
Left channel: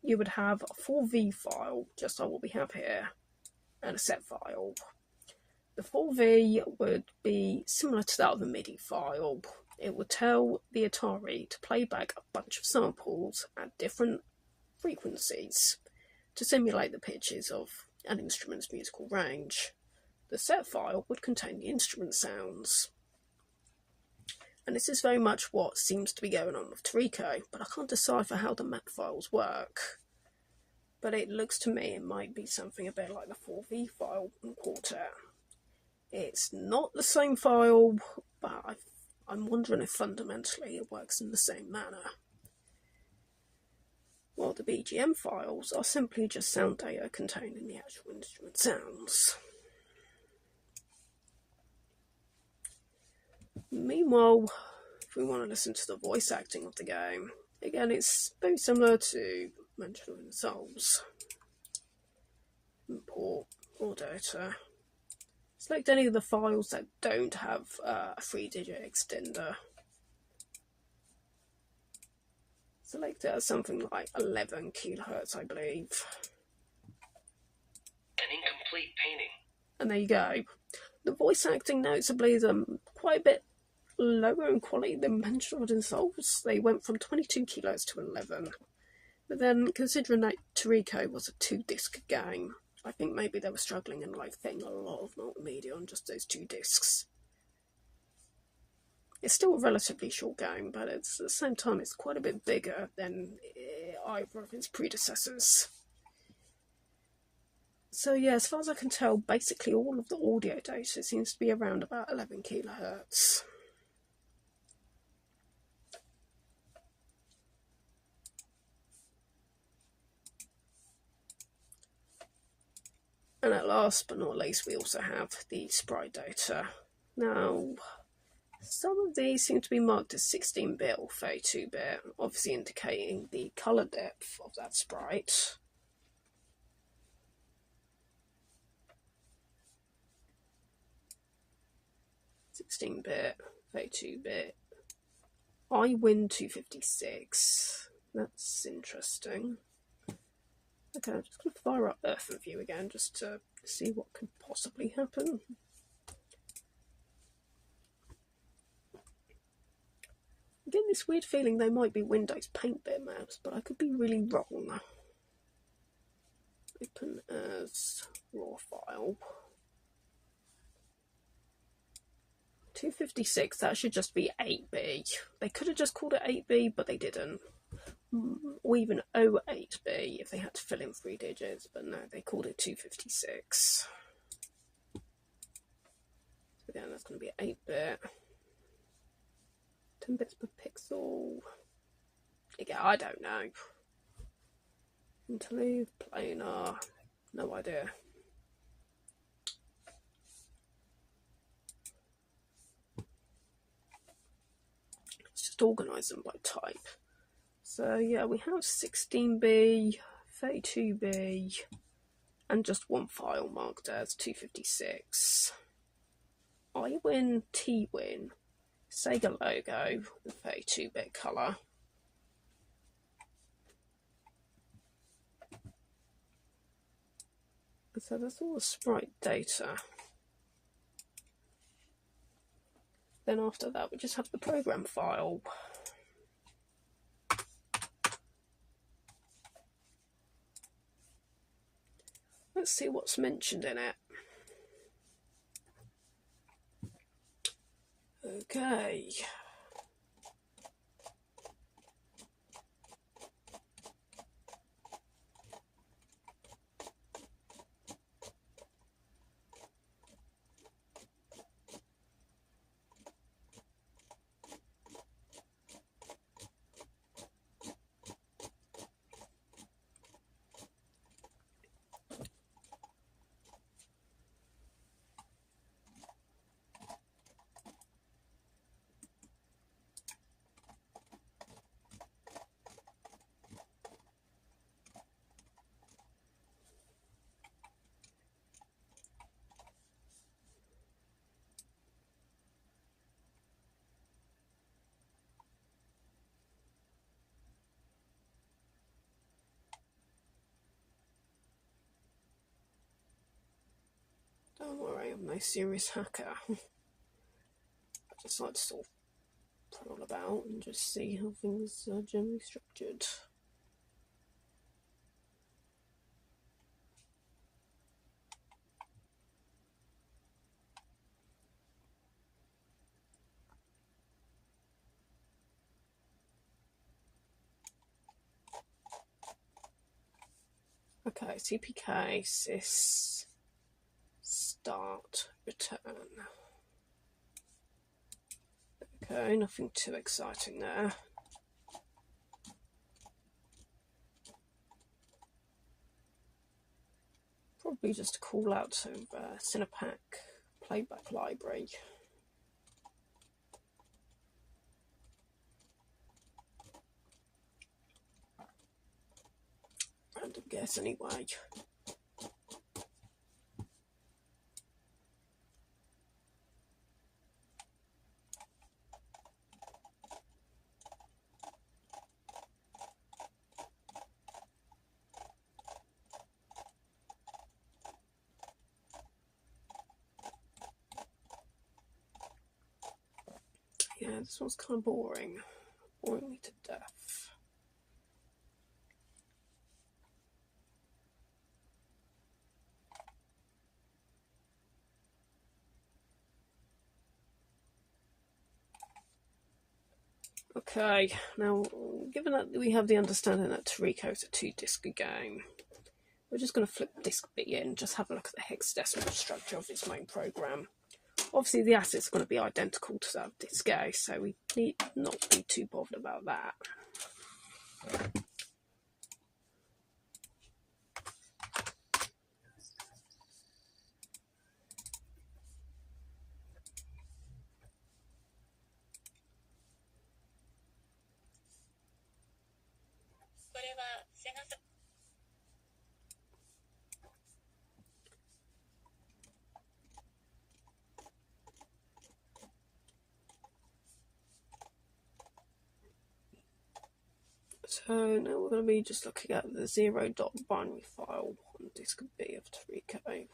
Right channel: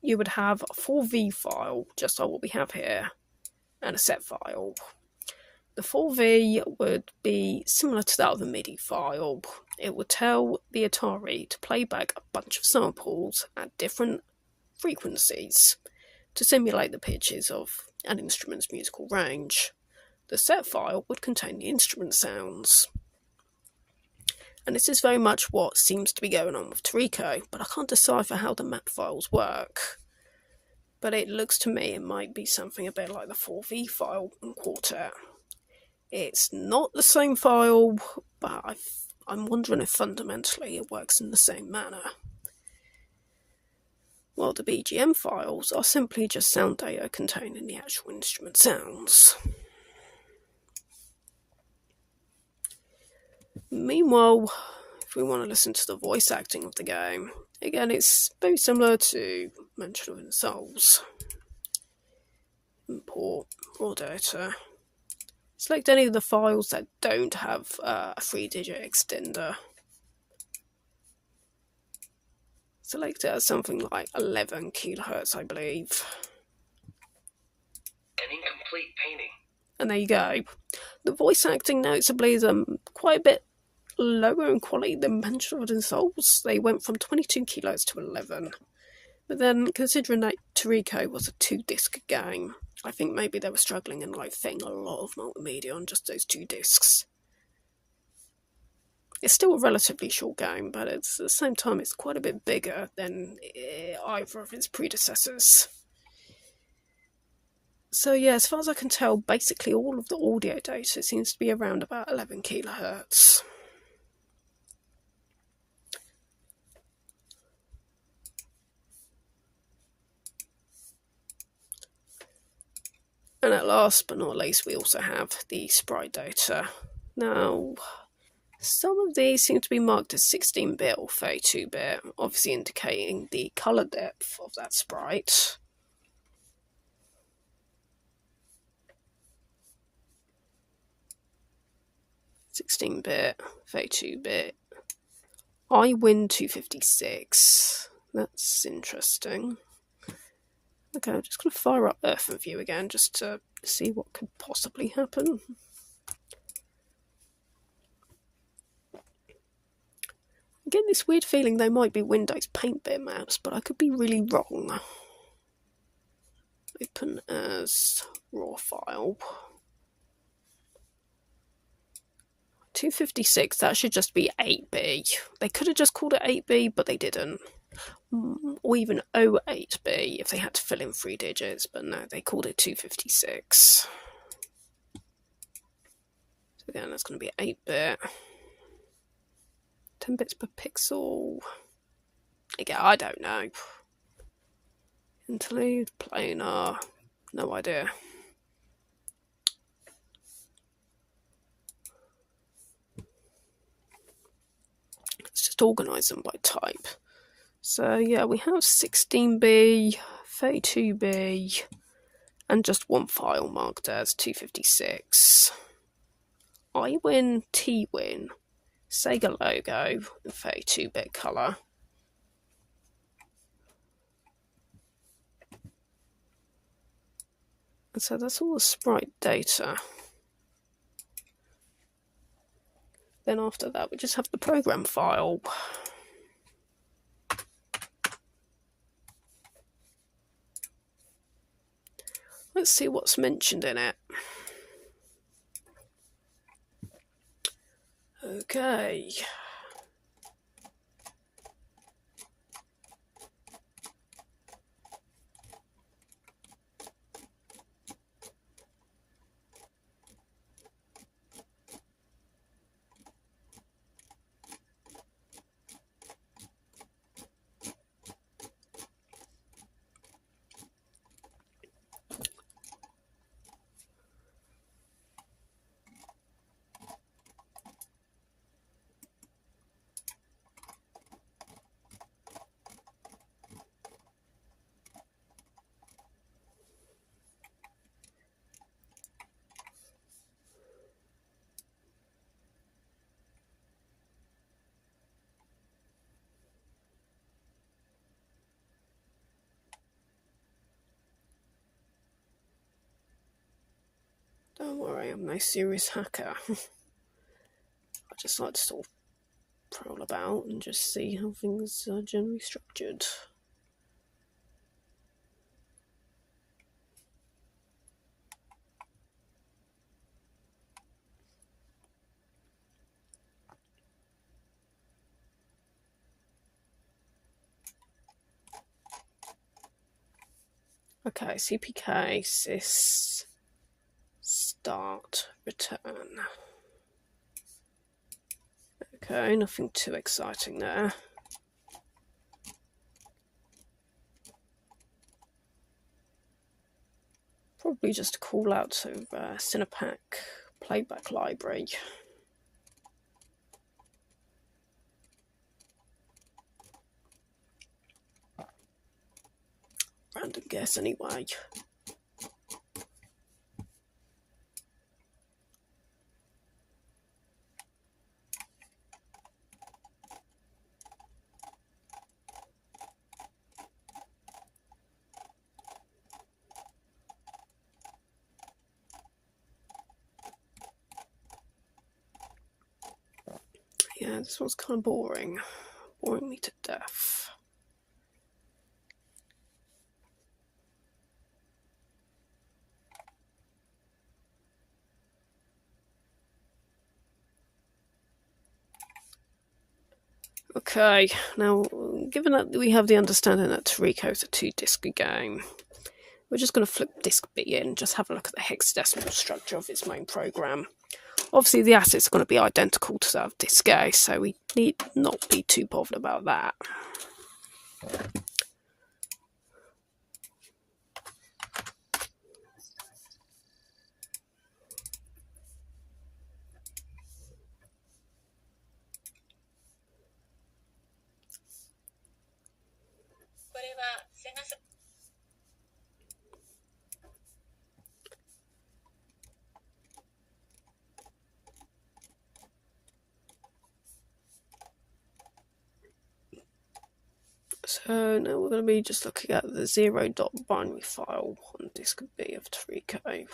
you would have a 4V file, just like what we have here, and a set file. The 4V would be similar to that of a MIDI file. It would tell the Atari to play back a bunch of samples at different frequencies to simulate the pitches of an instrument's musical range. The set file would contain the instrument sounds. And this is very much what seems to be going on with Torico, but I can't decipher how the map files work. But it looks to me it might be something a bit like the 4V file in Quartet. It's not the same file, but I'm wondering if fundamentally it works in the same manner. While the BGM files are simply just sound data containing the actual instrument sounds. Meanwhile, if we want to listen to the voice acting of the game, again it's very similar to Mansion of the Souls. Import raw data. Select any of the files that don't have a 3-digit extender. Select it as something like 11 kHz, I believe. An incomplete painting. And there you go. The voice acting noticeably is quite a bit lower in quality than Mansion of the Souls. They went from 22 kHz to 11. But then, considering that Torico was a 2-disc game, I think maybe they were struggling and fitting a lot of multimedia on just those 2 discs. It's still a relatively short game, but at the same time it's quite a bit bigger than either of its predecessors. So yeah, as far as I can tell, basically all of the audio data seems to be around about 11 kHz. And at last but not least, we also have the sprite data. Now, some of these seem to be marked as 16-bit or 32-bit, obviously indicating the colour depth of that sprite. (16-bit, 32-bit). I win 256. That's interesting. Okay, I'm just going to fire up Earth and View again just to see what could possibly happen. I get this weird feeling they might be Windows Paint bitmaps, but I could be really wrong. Open as raw file. 256, that should just be 8B. They could have just called it 8B, but they didn't. Or even 08B if they had to fill in 3 digits, but no, they called it 256. So again, that's going to be 8-bit. 10 bits per pixel. Again, I don't know. Interlude, planar, no idea. Let's just organise them by type. So yeah, we have 16B, 32B, and just one file marked as 256. I win, T win, Sega logo, and 32-bit colour. And so that's all the sprite data. Then after that, we just have the program file. Let's see what's mentioned in it. Okay. Don't worry, I'm no serious hacker. I just like to sort of prowl about and just see how things are generally structured. Okay, CPK, sys, start, return. Okay, nothing too exciting there. Probably just a call out to Cinepak playback library. Random guess anyway. Yeah, this one's kind of boring. Boring me to death. Okay, now, given that we have the understanding that Torico is a 2-disc game, we're just going to flip disk B in, just have a look at the hexadecimal structure of its main program. Obviously, the assets are going to be identical to that of disk A, so we need not be too bothered about that. So now we're going to be just looking at the 0.binary file on disk B of Torico.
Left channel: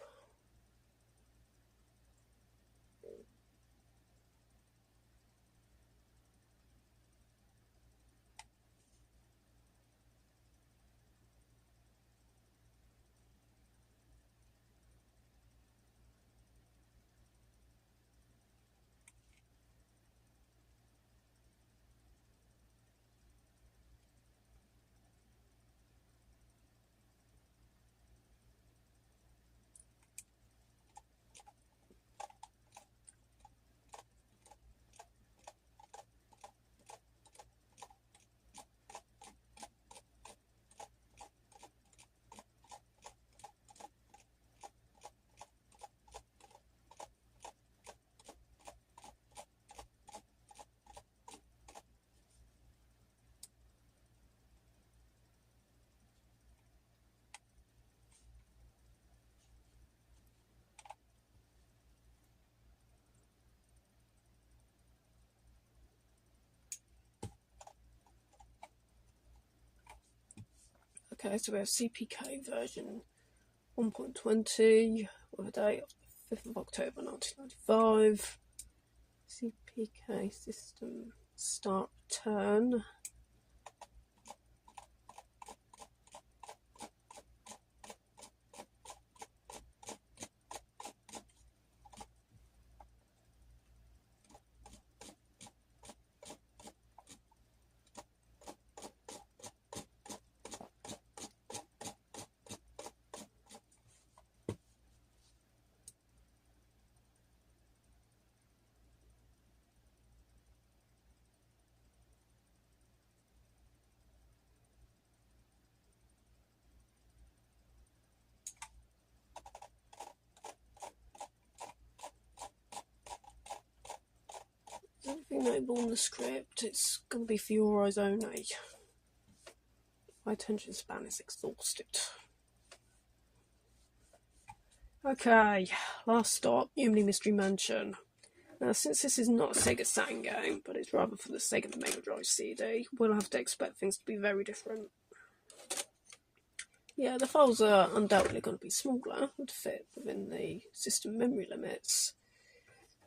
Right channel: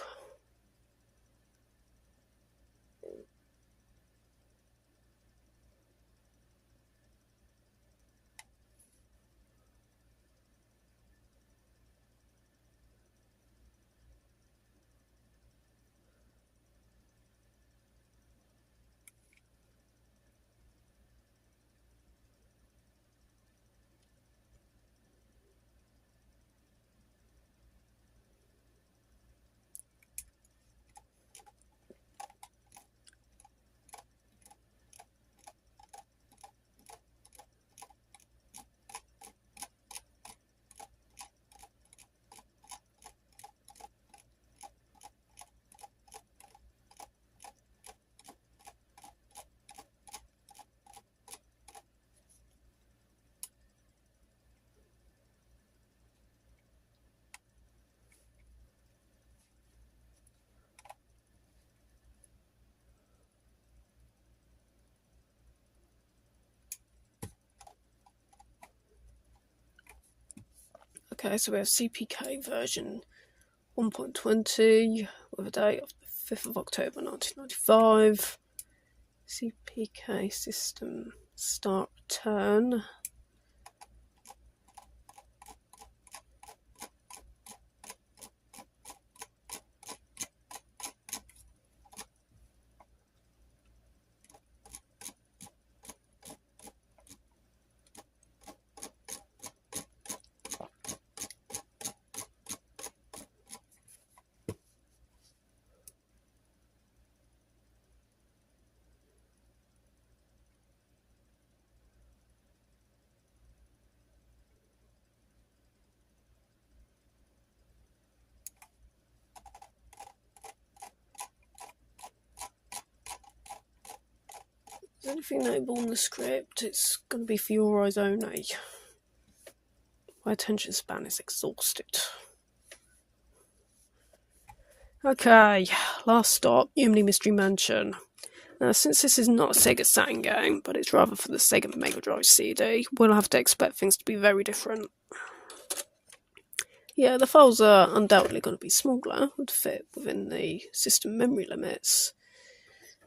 Okay, so we have CPK version 1.20 with a date of the 5th of October 1995. CPK system start return. anything notable in the script, it's going to be for your eyes only. My attention span is exhausted. Okay, last stop, Yumemi Mystery Mansion. Now, since this is not a Sega Saturn game, but it's rather for the Sega Mega Drive CD, we'll have to expect things to be very different. Yeah, the files are undoubtedly going to be smaller, would fit within the system memory limits,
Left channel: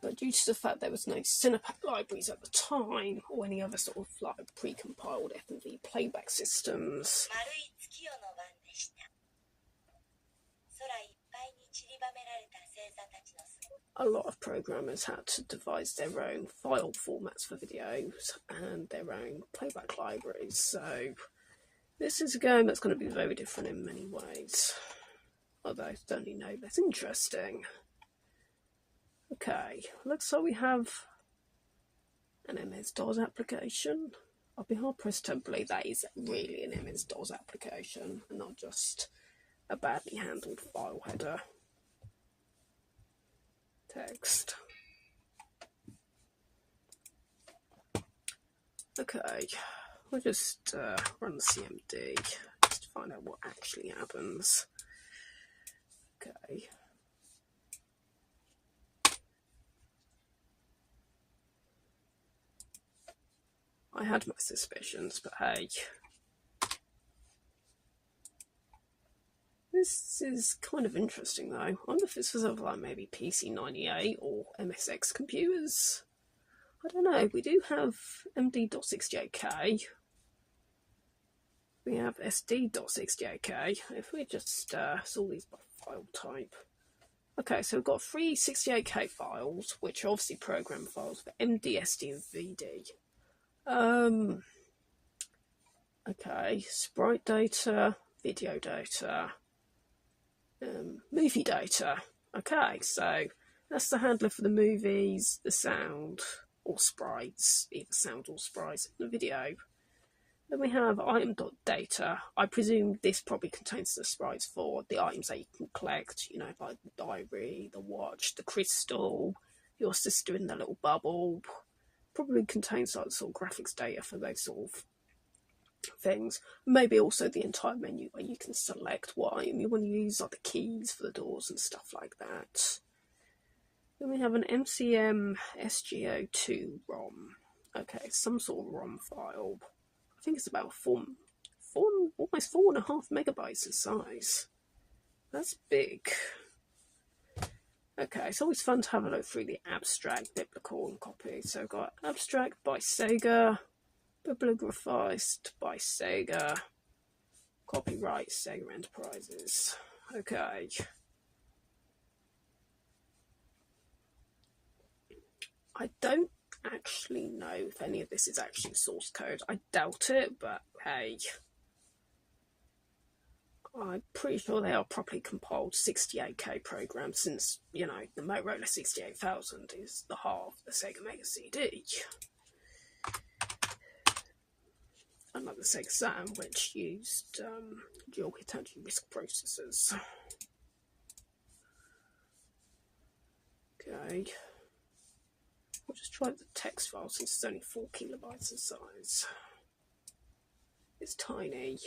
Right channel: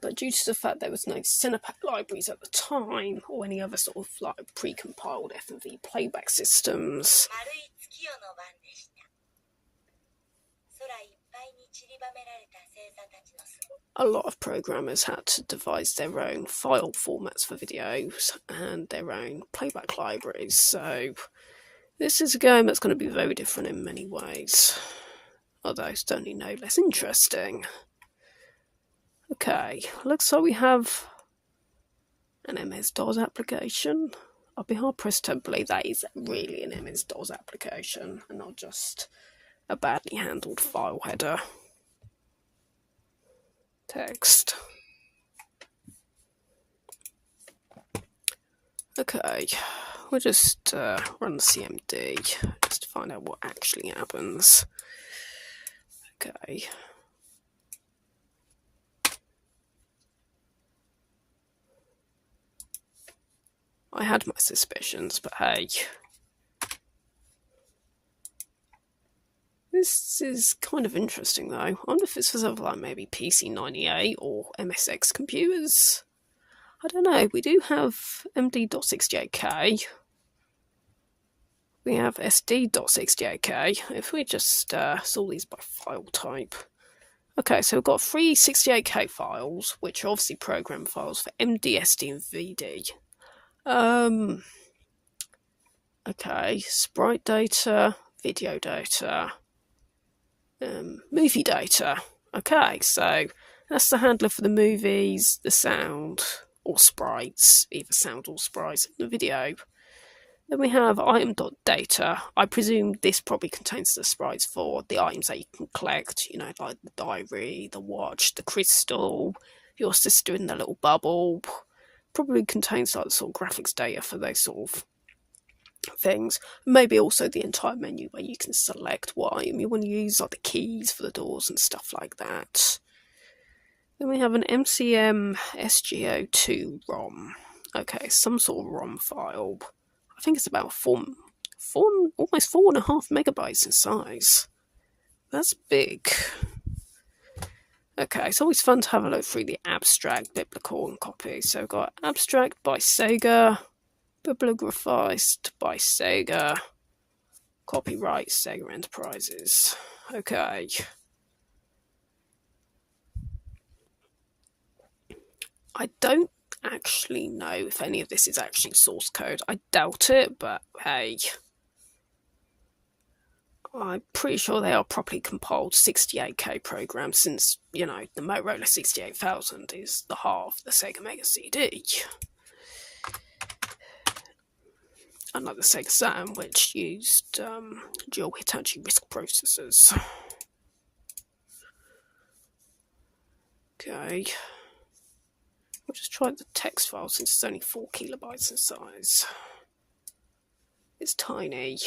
but due to the fact there was no Cinepak libraries at the time, or any other sort of like pre-compiled F&V playback systems, a lot of programmers had to devise their own file formats for videos and their own playback libraries, so this is a game that's going to be very different in many ways, although certainly no less interesting. Okay, looks like we have an MS-DOS application. I'll be hard pressed to believe that is really an MS-DOS application and not just a badly handled file header. Text. Okay, we'll just run the CMD just to find out what actually happens. Okay. I had my suspicions, but hey. This is kind of interesting though. I wonder if it's for something like maybe PC98 or MSX computers. I don't know. We do have MD.68K. We have SD.68K. If we just sort these by file type. Okay, so we've got three 68K files, which are obviously program files for MD, SD, and VD. Okay, sprite data, video data, movie data. Okay, so that's the handler for the movies, the sound, or sprites, either sound or sprites in the video. Then we have item.data. I presume this probably contains the sprites for the items that you can collect, you know, like the diary, the watch, the crystal, your sister in the little bubble. Probably contains like the sort of graphics data for those sort of things. Maybe also the entire menu where you can select what item you want to use, like the keys for the doors and stuff like that. Then we have an MCM SGO2 ROM. Okay, some sort of ROM file. I think it's about almost 4.5 megabytes in size. That's big. Okay, it's always fun to have a look through the abstract, biblical, and copy. So we've got abstract by Sega, bibliographized by Sega, copyright Sega Enterprises. Okay. I don't actually know if any of this is actually source code. I doubt it, but hey. I'm pretty sure they are properly compiled 68K programs since, you know, the Motorola 68000 is the heart of the Sega Mega CD. Unlike the Sega Saturn, which used dual Hitachi RISC processors. Okay. We'll just try the text file since it's only 4 kilobytes in size. It's tiny.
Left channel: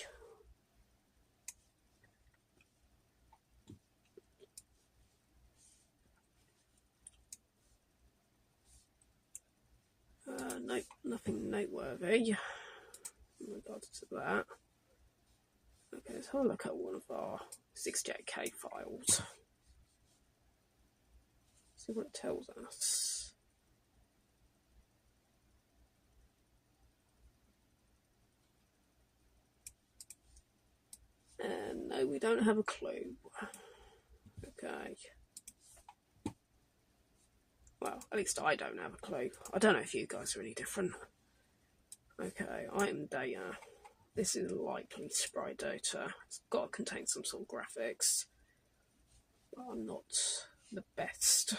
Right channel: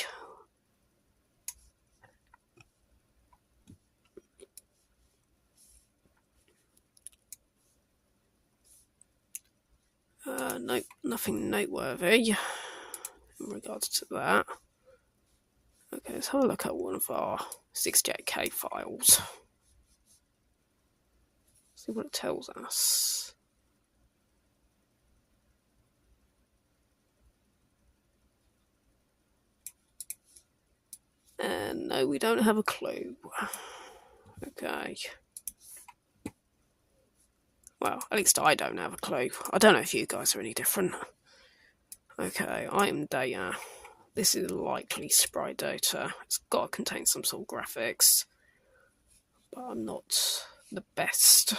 Nope, nothing noteworthy in regards to that. Okay, let's have a look at one of our 68K files. See what it tells us. And no, we don't have a clue. Okay. Well, at least I don't have a clue. I don't know if you guys are any different. Okay, item data. This is likely sprite data. It's got to contain some sort of graphics. But I'm not the best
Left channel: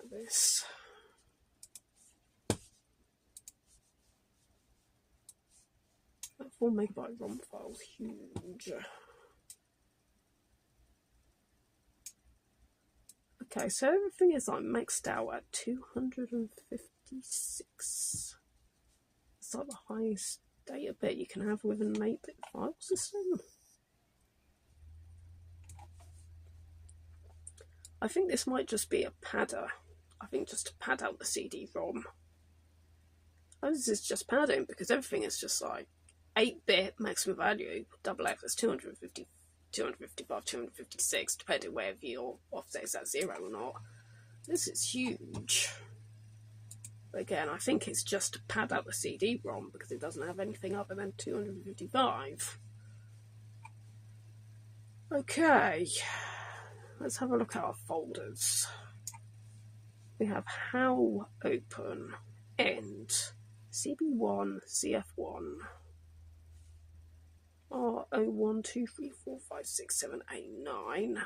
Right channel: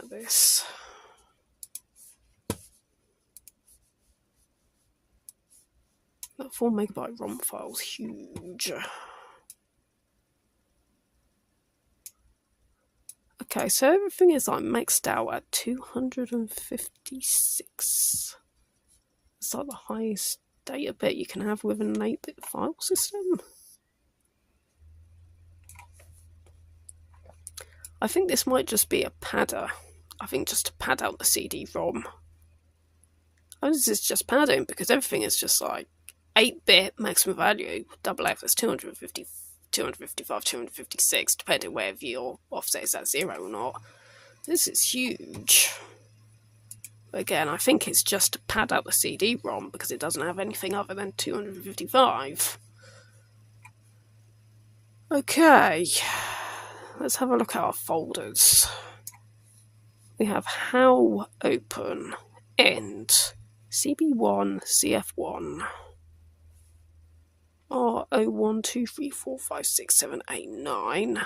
at this. That 4 megabyte ROM file's huge. Okay, so everything is like maxed out at 256. It's like the highest data bit you can have with an 8-bit file system. I think this might just be a padder. I think just to pad out the CD-ROM. Oh, this is just padding because everything is just like 8-bit maximum value. Double F is 250, 255, 256, depending whether your offset is at 0 or not. This is huge. But again, I think it's just to pad out the CD-ROM because it doesn't have anything other than 255. Okay, let's have a look at our folders. We have how open, end, CB1, CF1, R01, 2, 3, 4, 5, 6, 7, 8, 9,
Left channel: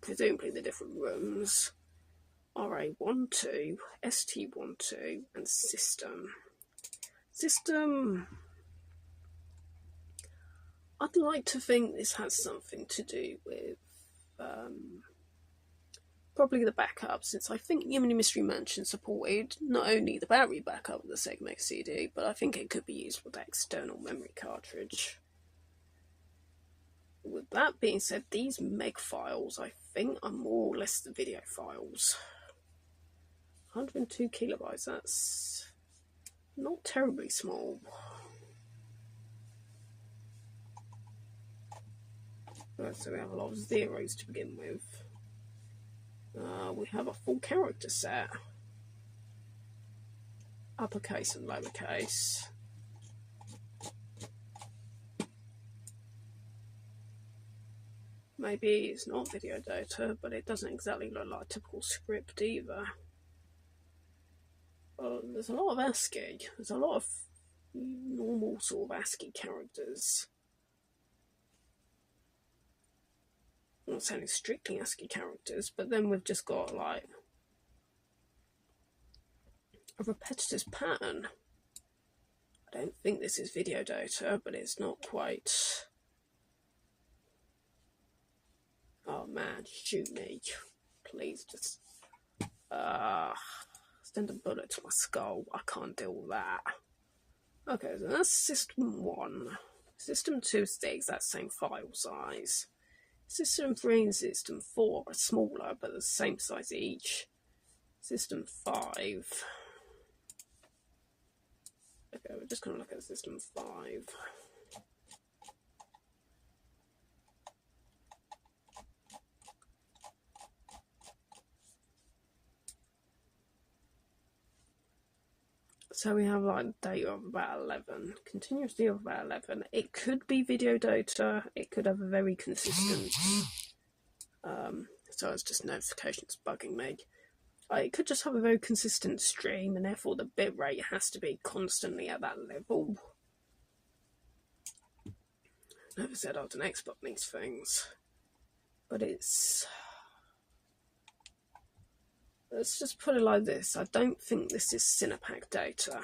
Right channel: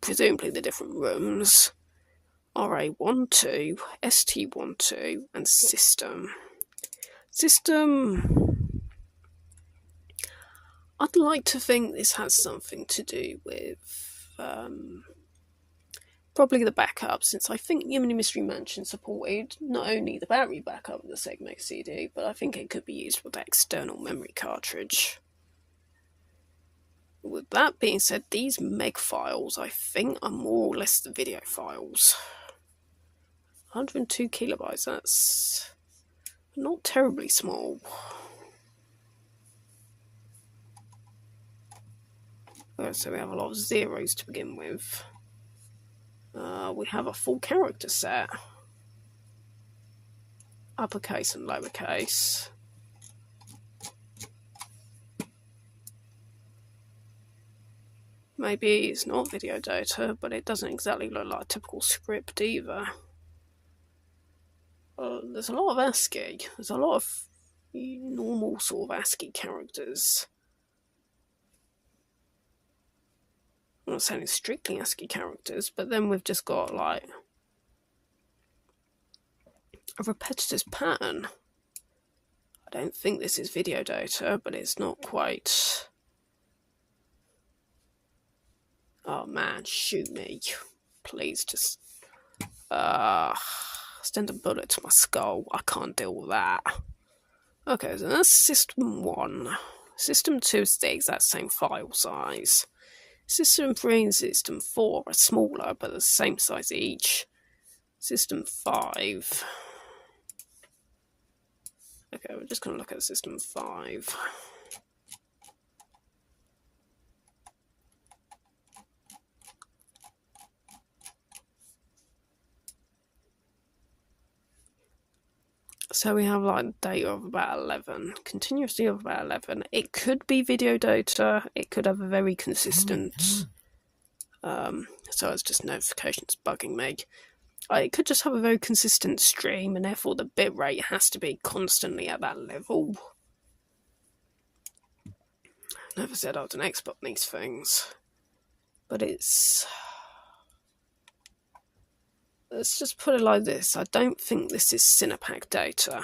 presumably the different rooms, RA12, ST12, and system. System, I'd like to think this has something to do with probably the backup, since I think Yumemi Mystery Mansion supported not only the battery backup of the Sega CD, but I think it could be used with that external memory cartridge. With that being said, these meg files, I think, are more or less the video files. 102 kilobytes, that's not terribly small. So we have a lot of zeros to begin with. We have a full character set. Uppercase and lowercase. Maybe it's not video data, but it doesn't exactly look like a typical script either. There's a lot of ASCII. There's a lot of normal sort of ASCII characters. I'm not saying strictly ASCII characters, but then we've just got like a repetitive pattern. I don't think this is video data, but it's not quite. Oh man, shoot me. Please just send a bullet to my skull. I can't deal with that. Okay, so that's system 1. System 2 is the exact same file size. System 3 and System 4 are smaller, but the same size each. System 5. Okay, we're just going to look at System 5. So we have like data of about 11, continuously of about 11. It could be video data, it could have a very consistent, so it's just notifications bugging me. It could just have a very consistent stream, and therefore the bitrate has to be constantly at that level. I never said I was an expert on these things, but it's... Let's just put it like this. I don't think this is Cinepak data.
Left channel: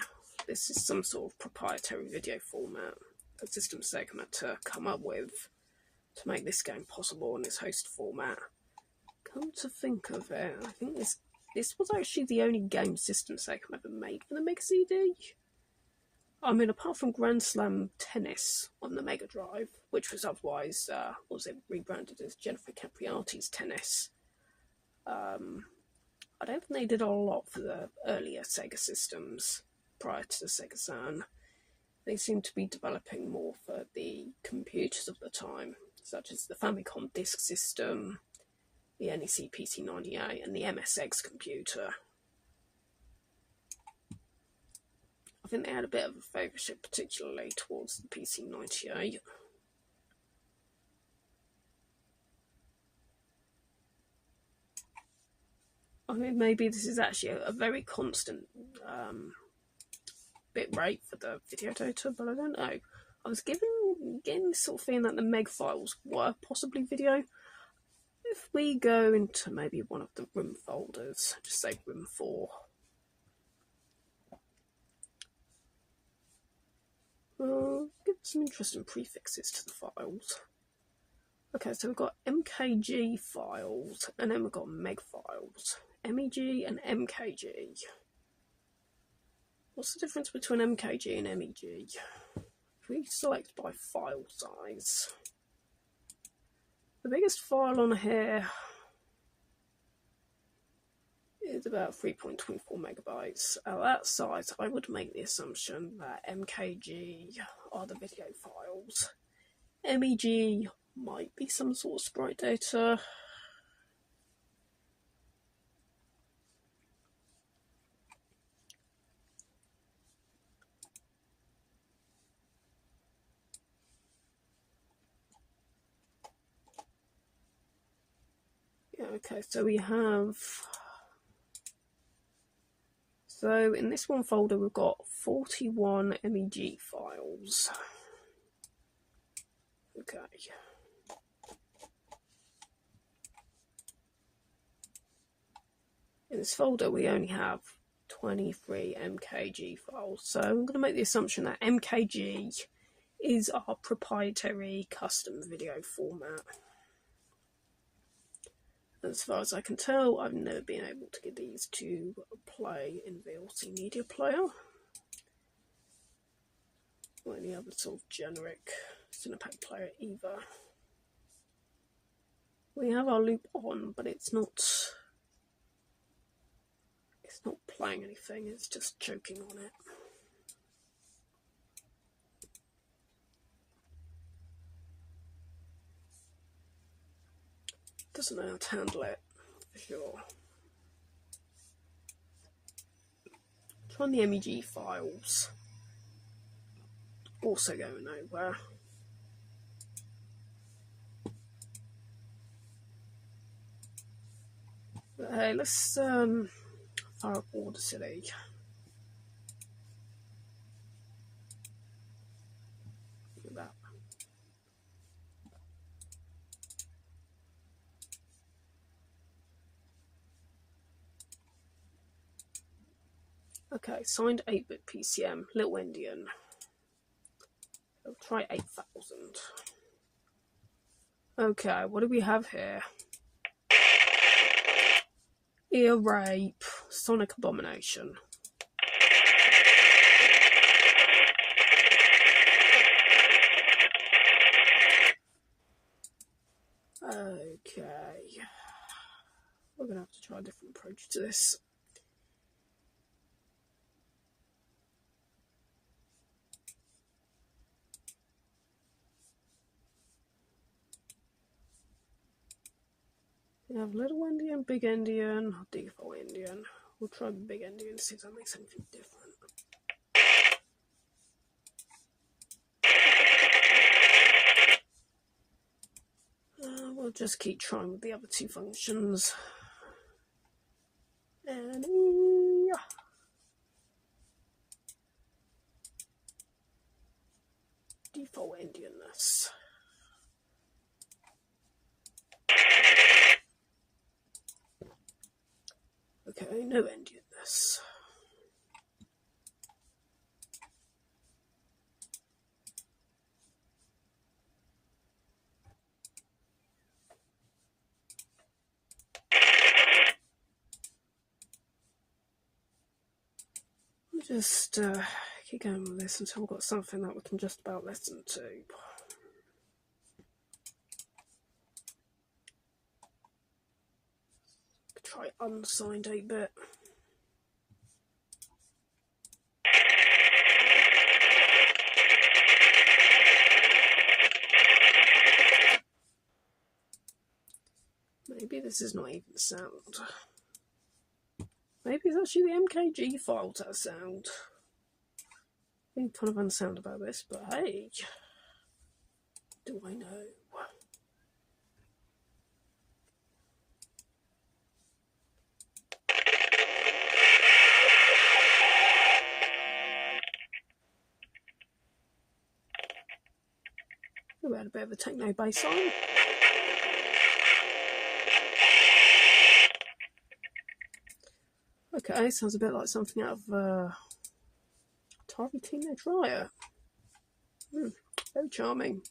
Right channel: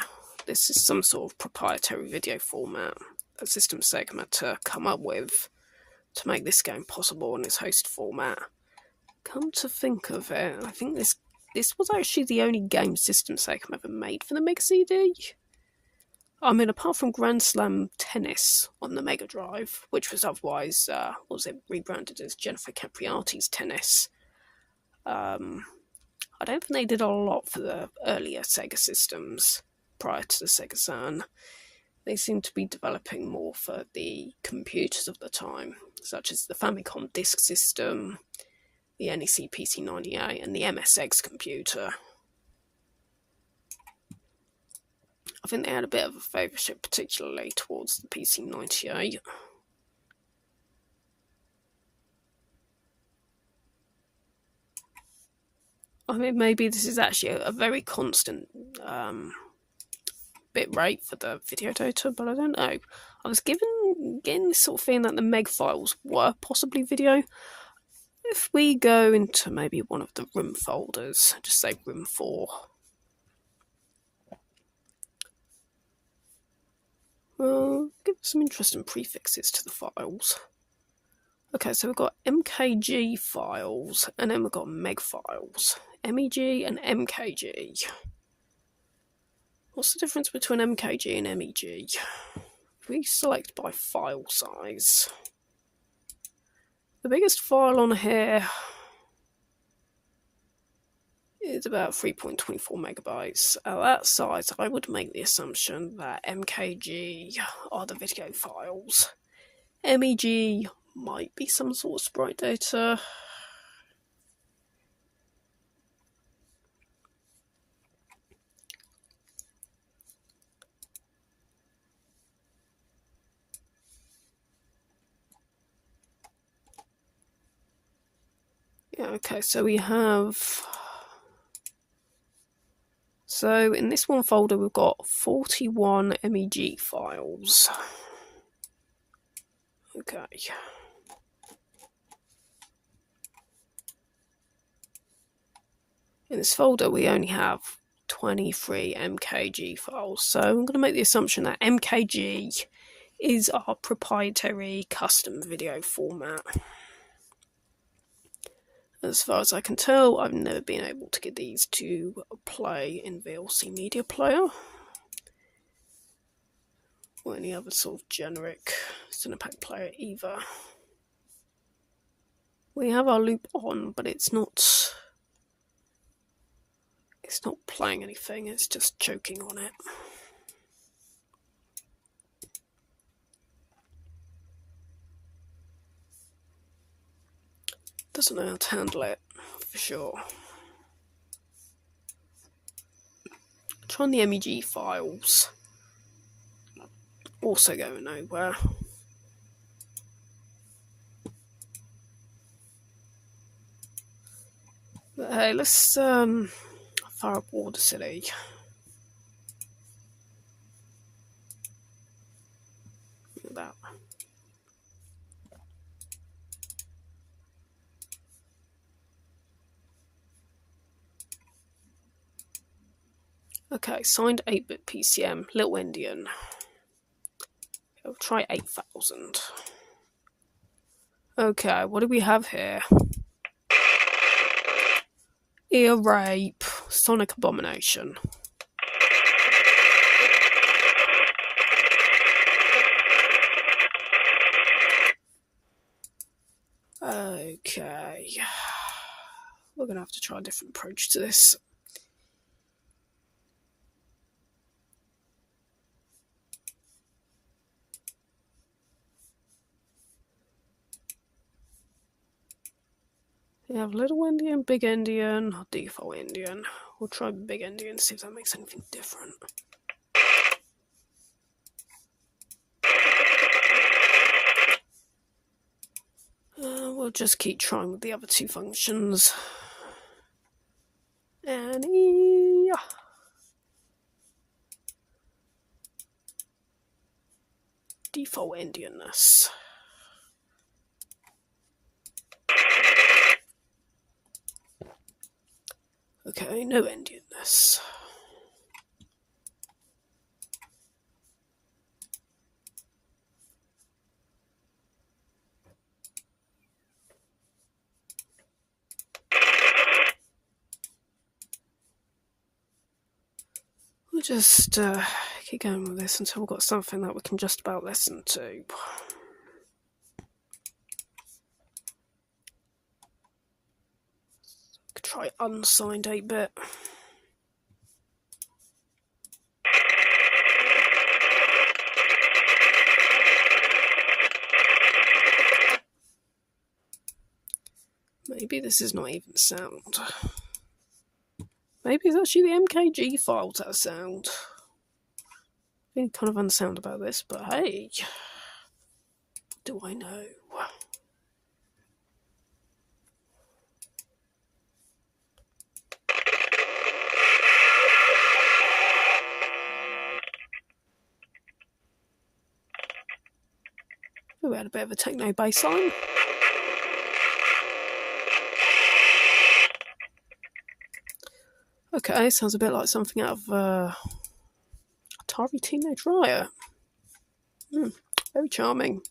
This is some sort of proprietary video format that System Sega had to come up with to make this game possible in its host format. Come to think of it, I think this was actually the only game System Sega ever made for the Mega CD. I mean, apart from Grand Slam Tennis on the Mega Drive, which was otherwise, rebranded as Jennifer Capriati's Tennis. I don't think they did a lot for the earlier Sega systems prior to the Sega Saturn. They seem to be developing more for the computers of the time, such as the Famicom Disk System, the NEC PC-98, and the MSX computer. I think they had a bit of a favourship, particularly towards the PC-98. I mean, maybe this is actually a very constant bit rate for the video data, but I don't know. I was getting this sort of feeling that the meg files were possibly video. If we go into maybe one of the room folders, just say room 4. Well, give us some interesting prefixes to the files. Okay, so we've got MKG files, and then we've got MEG files. MEG and MKG. What's the difference between MKG and MEG? If we select by file size, the biggest file on here is about 3.24 megabytes. At that size, I would make the assumption that MKG are the video files. MEG might be some sort of sprite data. Yeah, okay, so we have... So in this one folder, we've got 41 MEG files. Okay. In this folder, we only have 23 MKG files. So I'm going to make the assumption that MKG is our proprietary custom video format. As far as I can tell, I've never been able to get these to play in VLC Media Player or any other sort of generic Cinepak player either. We have our loop on, but it's not playing anything, it's just choking on it. Doesn't know how to handle it, for sure. Trying the MEG files. Also going nowhere. But hey, let's fire up Water City. That. Okay, signed 8-bit PCM, Little Indian. We'll try 8,000. Okay, what do we have here? Ear Rape, Sonic Abomination. Okay. We're going to have to try a different approach to this. We have Little Indian, Big Indian, Default Indian. We'll try Big Indian, see if that makes anything different. We'll just keep trying with the other two functions. And default Indianness. Okay, no Indianness. We'll just keep going with this until we've got something that we can just about listen to. Could try unsigned 8-bit. Maybe this is not even sound. Maybe it's actually the MKG files that are sound. I'm being kind of unsound about this, but hey, do I know? We had a bit of a techno bass line. Okay, sounds a bit like something out of Atari Teenage Riot. Very charming.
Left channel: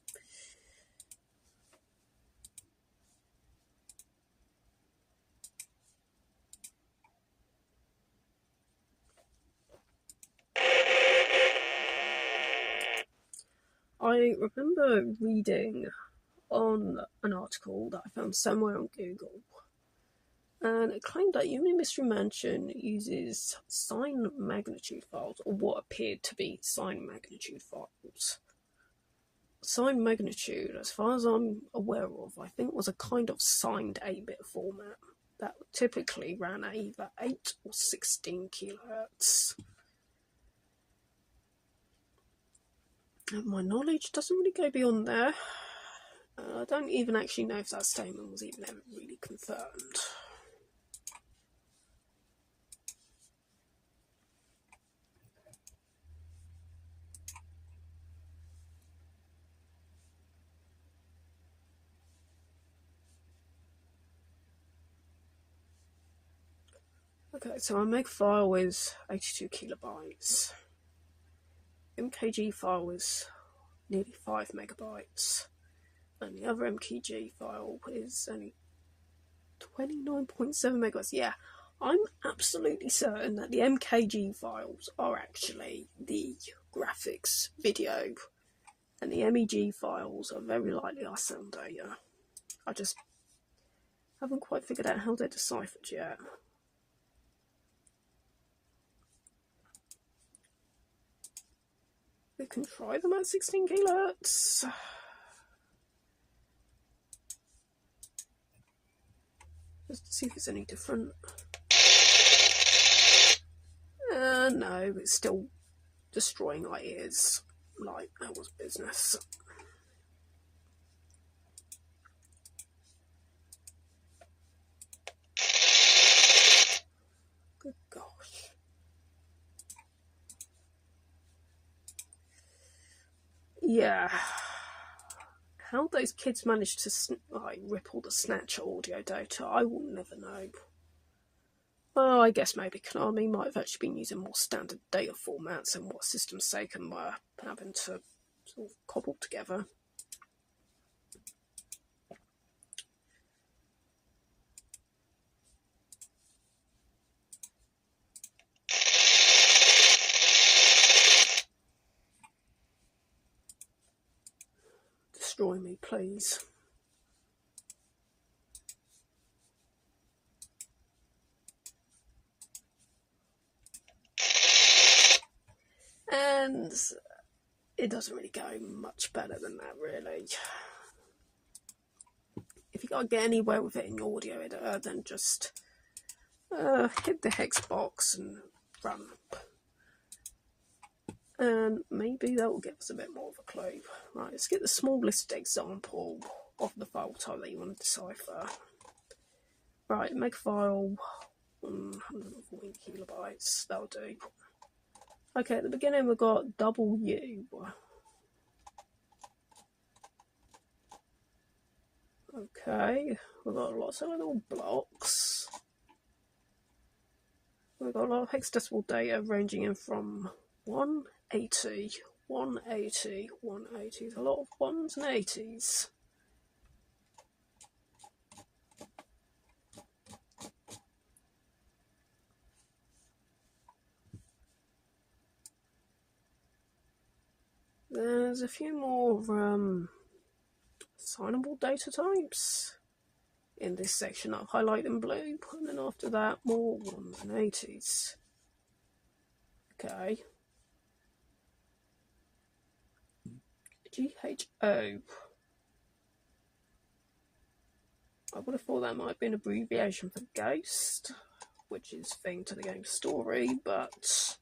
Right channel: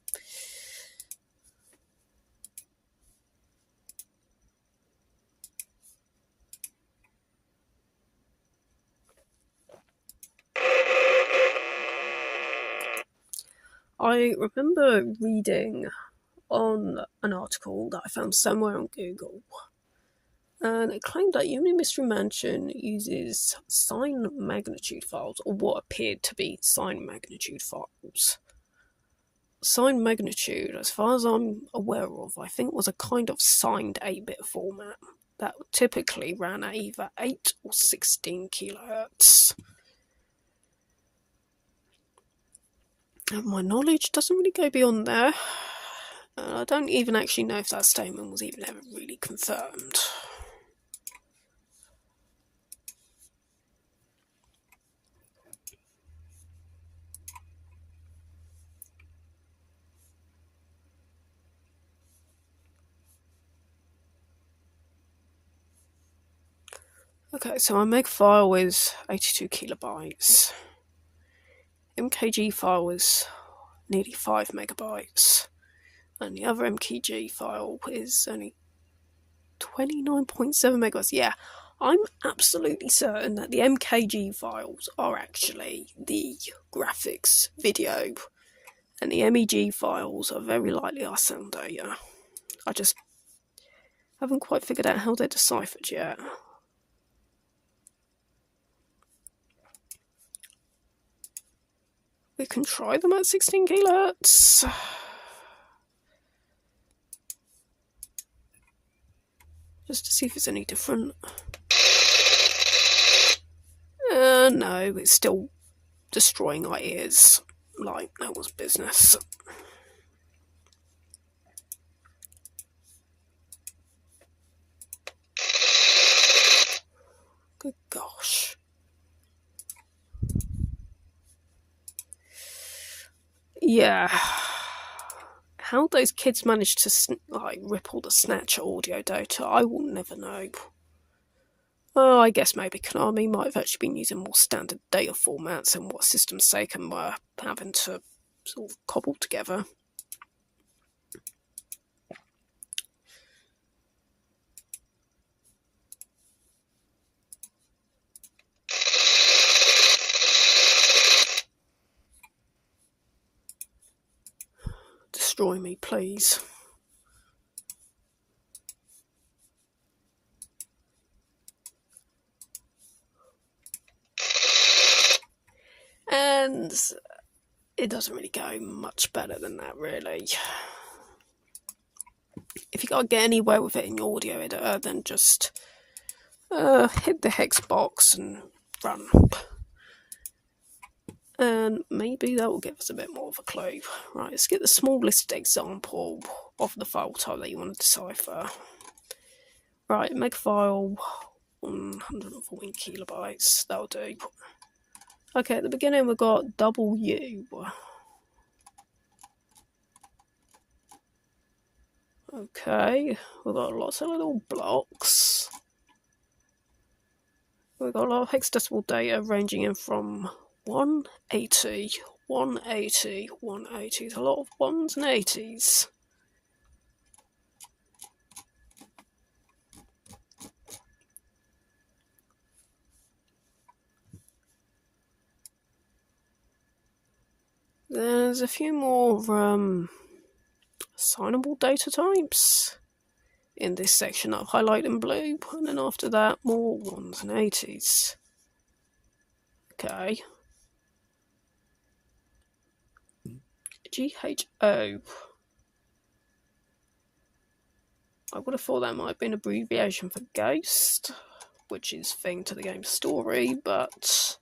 I remember reading on an article that I found somewhere on Google, and it claimed that Yumemi Mystery Mansion uses sine magnitude files, or what appeared to be sine magnitude files. Sine magnitude, as far as I'm aware of, I think was a kind of signed 8-bit format that typically ran at either 8 or 16 kilohertz. And my knowledge doesn't really go beyond there. I don't even actually know if that statement was even ever really confirmed. Okay, so my meg file is 82 kilobytes. MKG file is nearly 5 megabytes. And the other MKG file is only 29.7 megabytes. Yeah, I'm absolutely certain that the MKG files are actually the graphics video, and the MEG files are very likely our sound data. I just haven't quite figured out how they're deciphered yet. We can try them at 16 kilohertz. Just to see if it's any different. No, it's still destroying our ears like no one's business. Good gosh. Yeah. How those kids managed to rip all the Snatcher audio data, I will never know. Oh, I guess maybe Konami might have actually been using more standard data formats than what System Sacom were having to sort of cobble together. Destroy me, please. And it doesn't really go much better than that, really. If you can't get anywhere with it in your audio editor, then just hit the hex box and run. And maybe that will give us a bit more of a clue. Right, let's get the smallest example of the file type that you want to decipher. Right, meg file 114 kilobytes, that'll do. Okay, at the beginning we've got W. Okay, we've got lots of little blocks. We've got a lot of hexadecimal data ranging in from 180, 180, 180. There's a lot of 1s and 80s. There's a few more assignable data types in this section that I've highlighted in blue, and then after that, more 1s and 80s. Okay. GHO. I would have thought that might have been an abbreviation for Ghost, which is thing to the game's story, but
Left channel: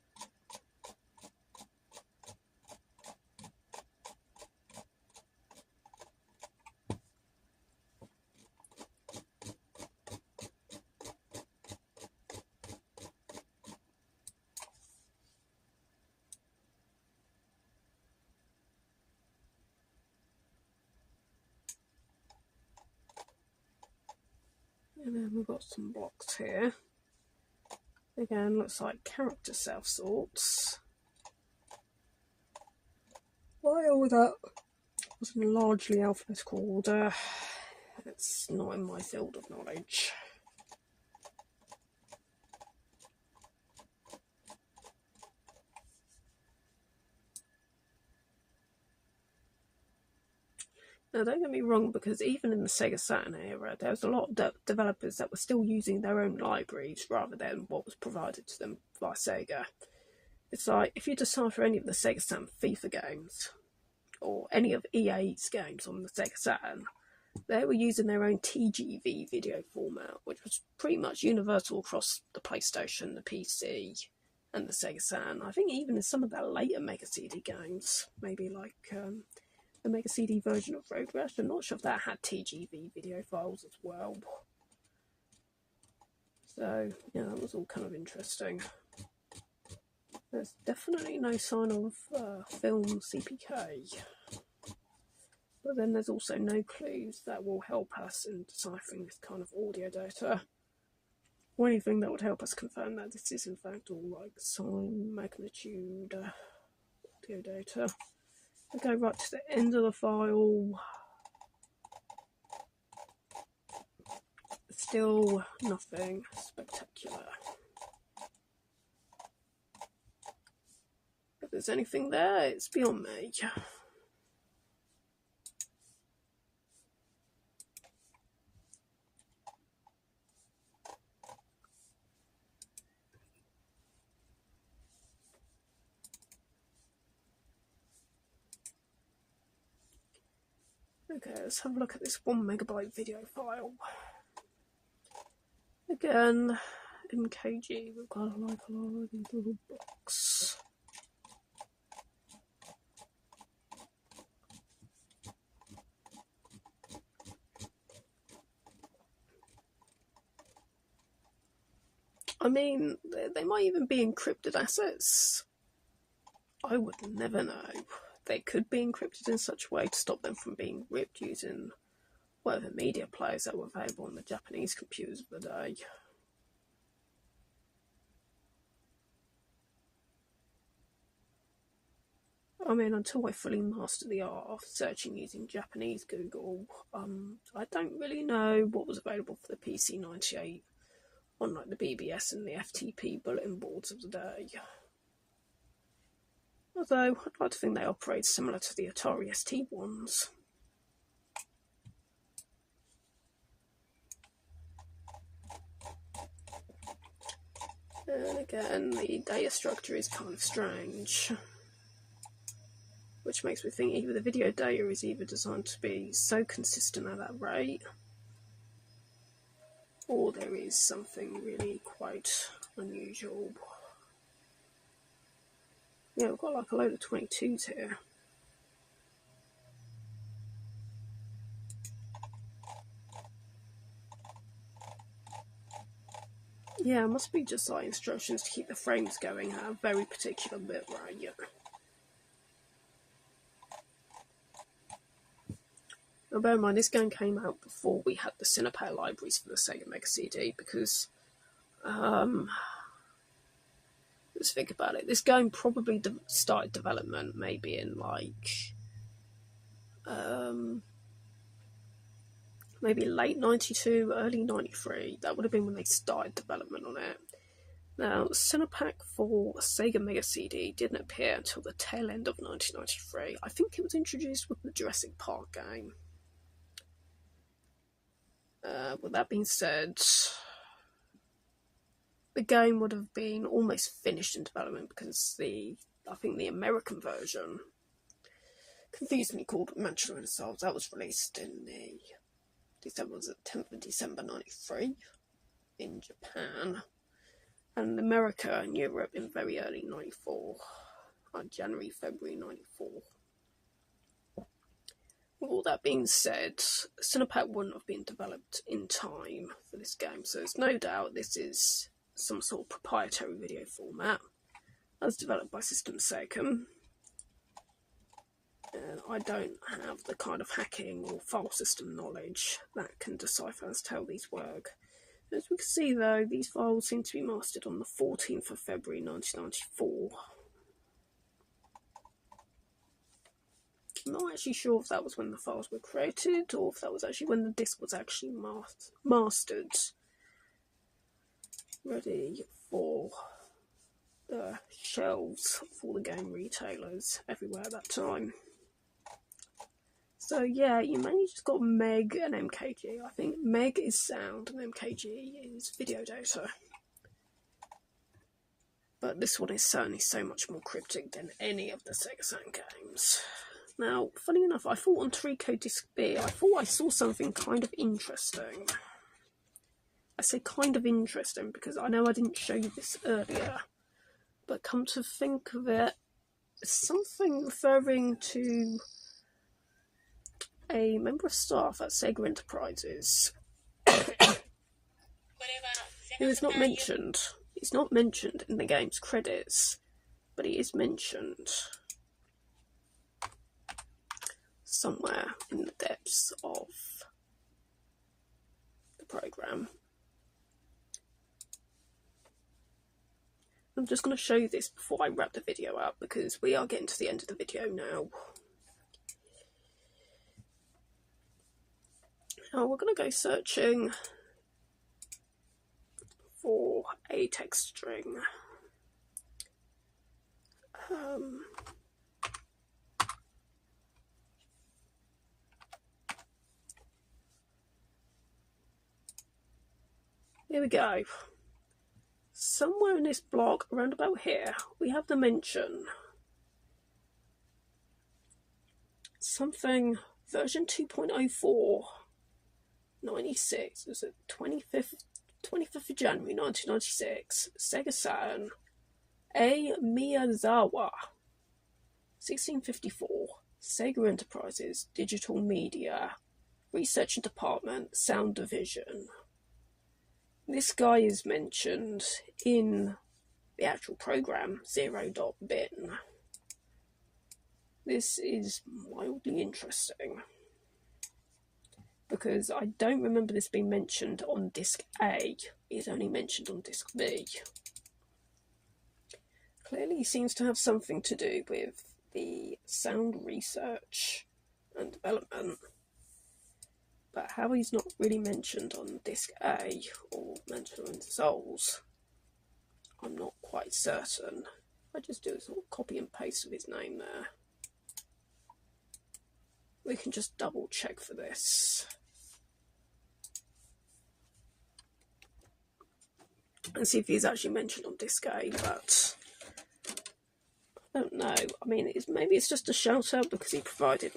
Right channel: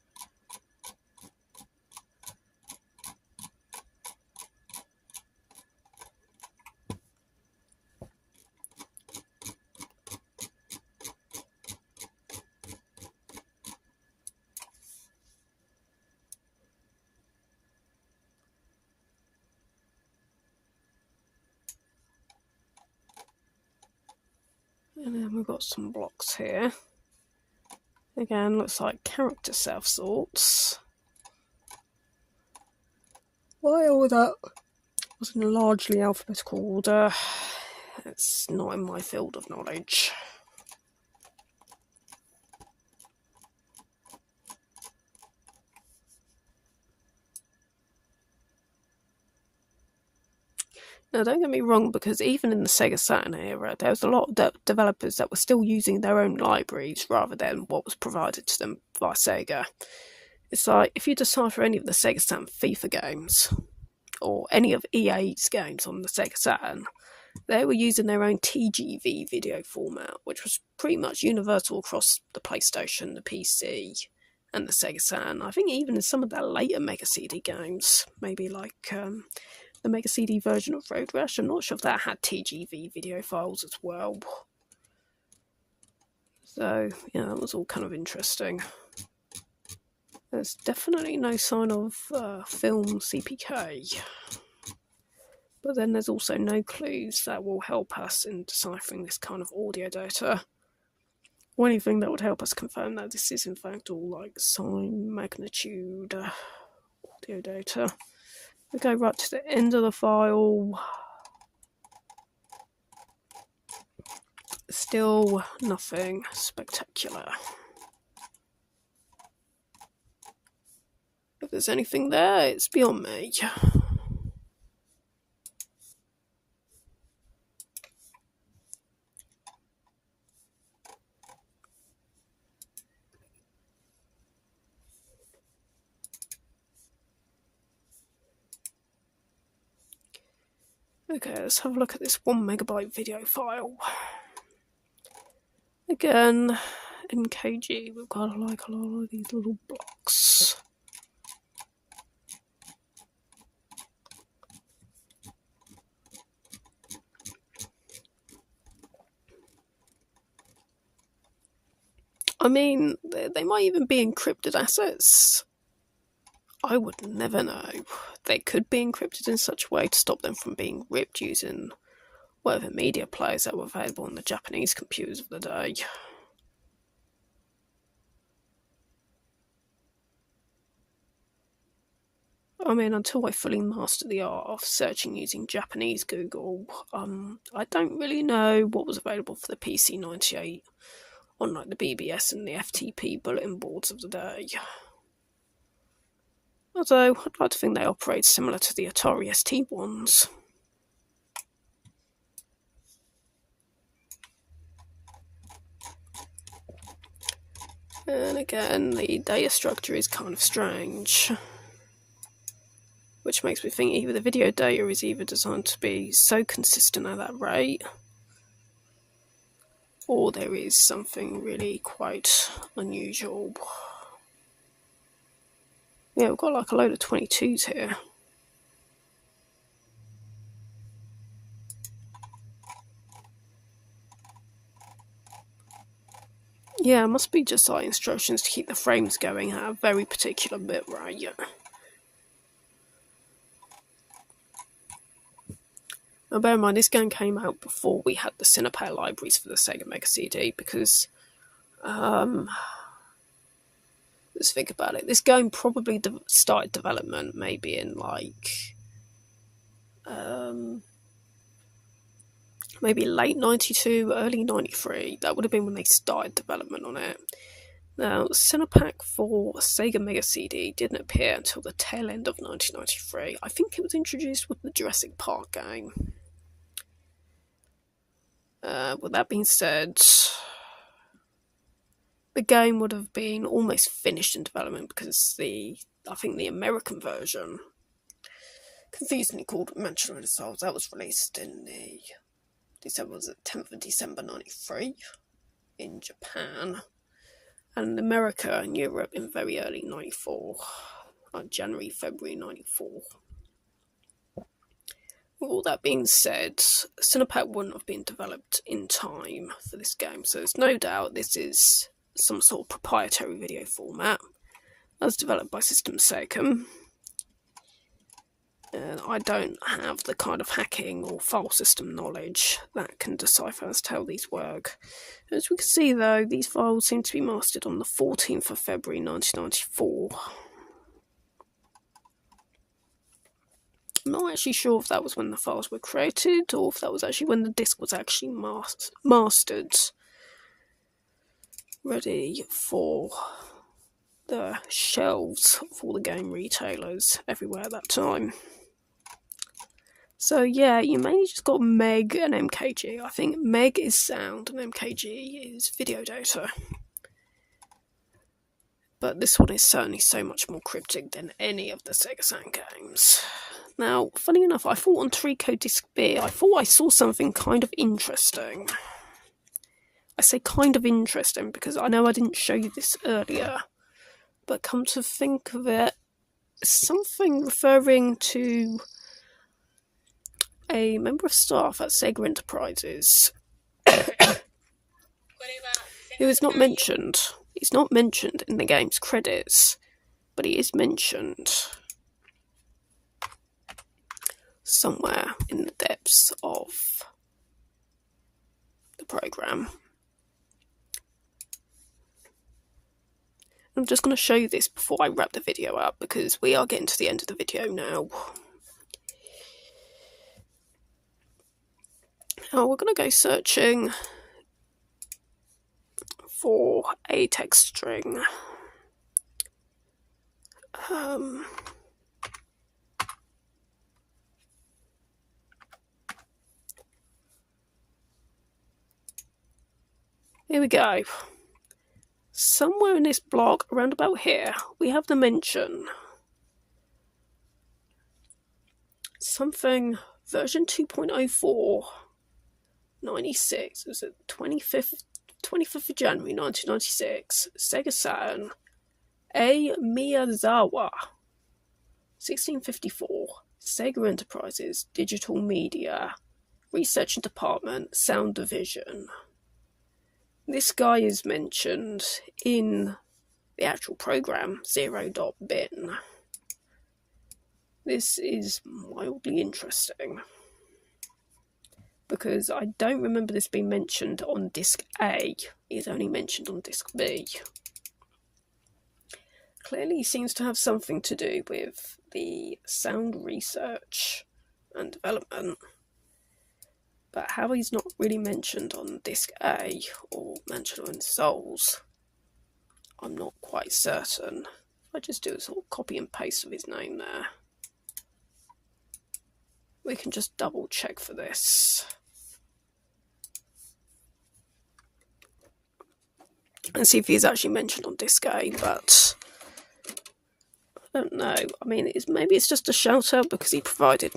and then we've got some blocks here. Again, looks like character self-sorts. Why all that was in a largely alphabetical order? It's not in my field of knowledge. Now, don't get me wrong, because even in the Sega Saturn era, there was a lot of developers that were still using their own libraries rather than what was provided to them by Sega. It's like, if you decipher any of the Sega Saturn FIFA games, or any of EA's games on the Sega Saturn, they were using their own TGV video format, which was pretty much universal across the PlayStation, the PC, and the Sega Saturn. I think even in some of their later Mega CD games, maybe like the Mega CD version of Road Rash, I'm not sure if that had TGV video files as well. So, yeah, that was all kind of interesting. There's definitely no sign of film CPK. But then there's also no clues that will help us in deciphering this kind of audio data. Or anything that would help us confirm that this is in fact all like sine magnitude audio data. We go right to the end of the file. Still nothing spectacular. If there's anything there, it's beyond me. Okay, let's have a look at this 1 megabyte video file. Again, in KG, we've got like a lot of these little blocks. I mean, they might even be encrypted assets. I would never know. They could be encrypted in such a way to stop them from being ripped using whatever media players that were available on the Japanese computers of the day. I mean, until I fully master the art of searching using Japanese Google, I don't really know what was available for the PC-98 on like the BBS and the FTP bulletin boards of the day. Although, I'd like to think they operate similar to the Atari ST ones. And again, the data structure is kind of strange. Which makes me think either the video data is either designed to be so consistent at that rate, or there is something really quite unusual. Yeah, we've got like a load of 22s here. Yeah, it must be just like instructions to keep the frames going at a very particular bit rate. Now bear in mind, this game came out before we had the Cinepak libraries for the Sega Mega CD, because let's think about it. This game probably started development maybe in like maybe late 92, early 93. That would have been when they started development on it. Now, Cinepak for Sega Mega CD didn't appear until the tail end of 1993. I think it was introduced with the Jurassic Park game. With that being said, the game would have been almost finished in development because I think the American version, confusingly called Manchester Souls, that was released in the 10th of December 93 in Japan, and America and Europe in very early 94, like January, February 94. With all that being said, Cinepak wouldn't have been developed in time for this game, so there's no doubt this is some sort of proprietary video format as developed by System Sacom. And I don't have the kind of hacking or file system knowledge that can decipher as to how these work. As we can see though, these files seem to be mastered on the 14th of February 1994. I'm not actually sure if that was when the files were created or if that was actually when the disc was actually mastered, ready for the shelves of all the game retailers everywhere at that time. So yeah, you mainly just got Meg and MKG. I think Meg is sound and MKG is video data. But this one is certainly so much more cryptic than any of the Sega Saturn games. Now, funny enough, I thought on Torico Disc B, I thought I saw something kind of interesting. I say kind of interesting because I know I didn't show you this earlier, but come to think of it, something referring to a member of staff at Sega Enterprises who is not mentioned. He's not mentioned in the game's credits, but he is mentioned somewhere in the depths of the program. I'm just going to show you this before I wrap the video up because we are getting to the end of the video now. Now we're going to go searching for a text string. Here we go. Somewhere in this block, around about here, we have the mention. Something version 2.04, 96. Was it 25th of January 1996? Sega Saturn. A. Miyazawa. 1654. Sega Enterprises. Digital Media. Research and Department. Sound Division. This guy is mentioned in the actual program, 0.bin. This is mildly interesting because I don't remember this being mentioned on disc A. It's only mentioned on disc B. Clearly he seems to have something to do with the sound research and development. But how he's not really mentioned on disc A or mentioned in Souls, I'm not quite certain. I just do a sort of copy and paste of his name there. We can just double check for this. And see if he's actually mentioned on disc A, but I don't know. I mean, maybe it's just a shout out because he provided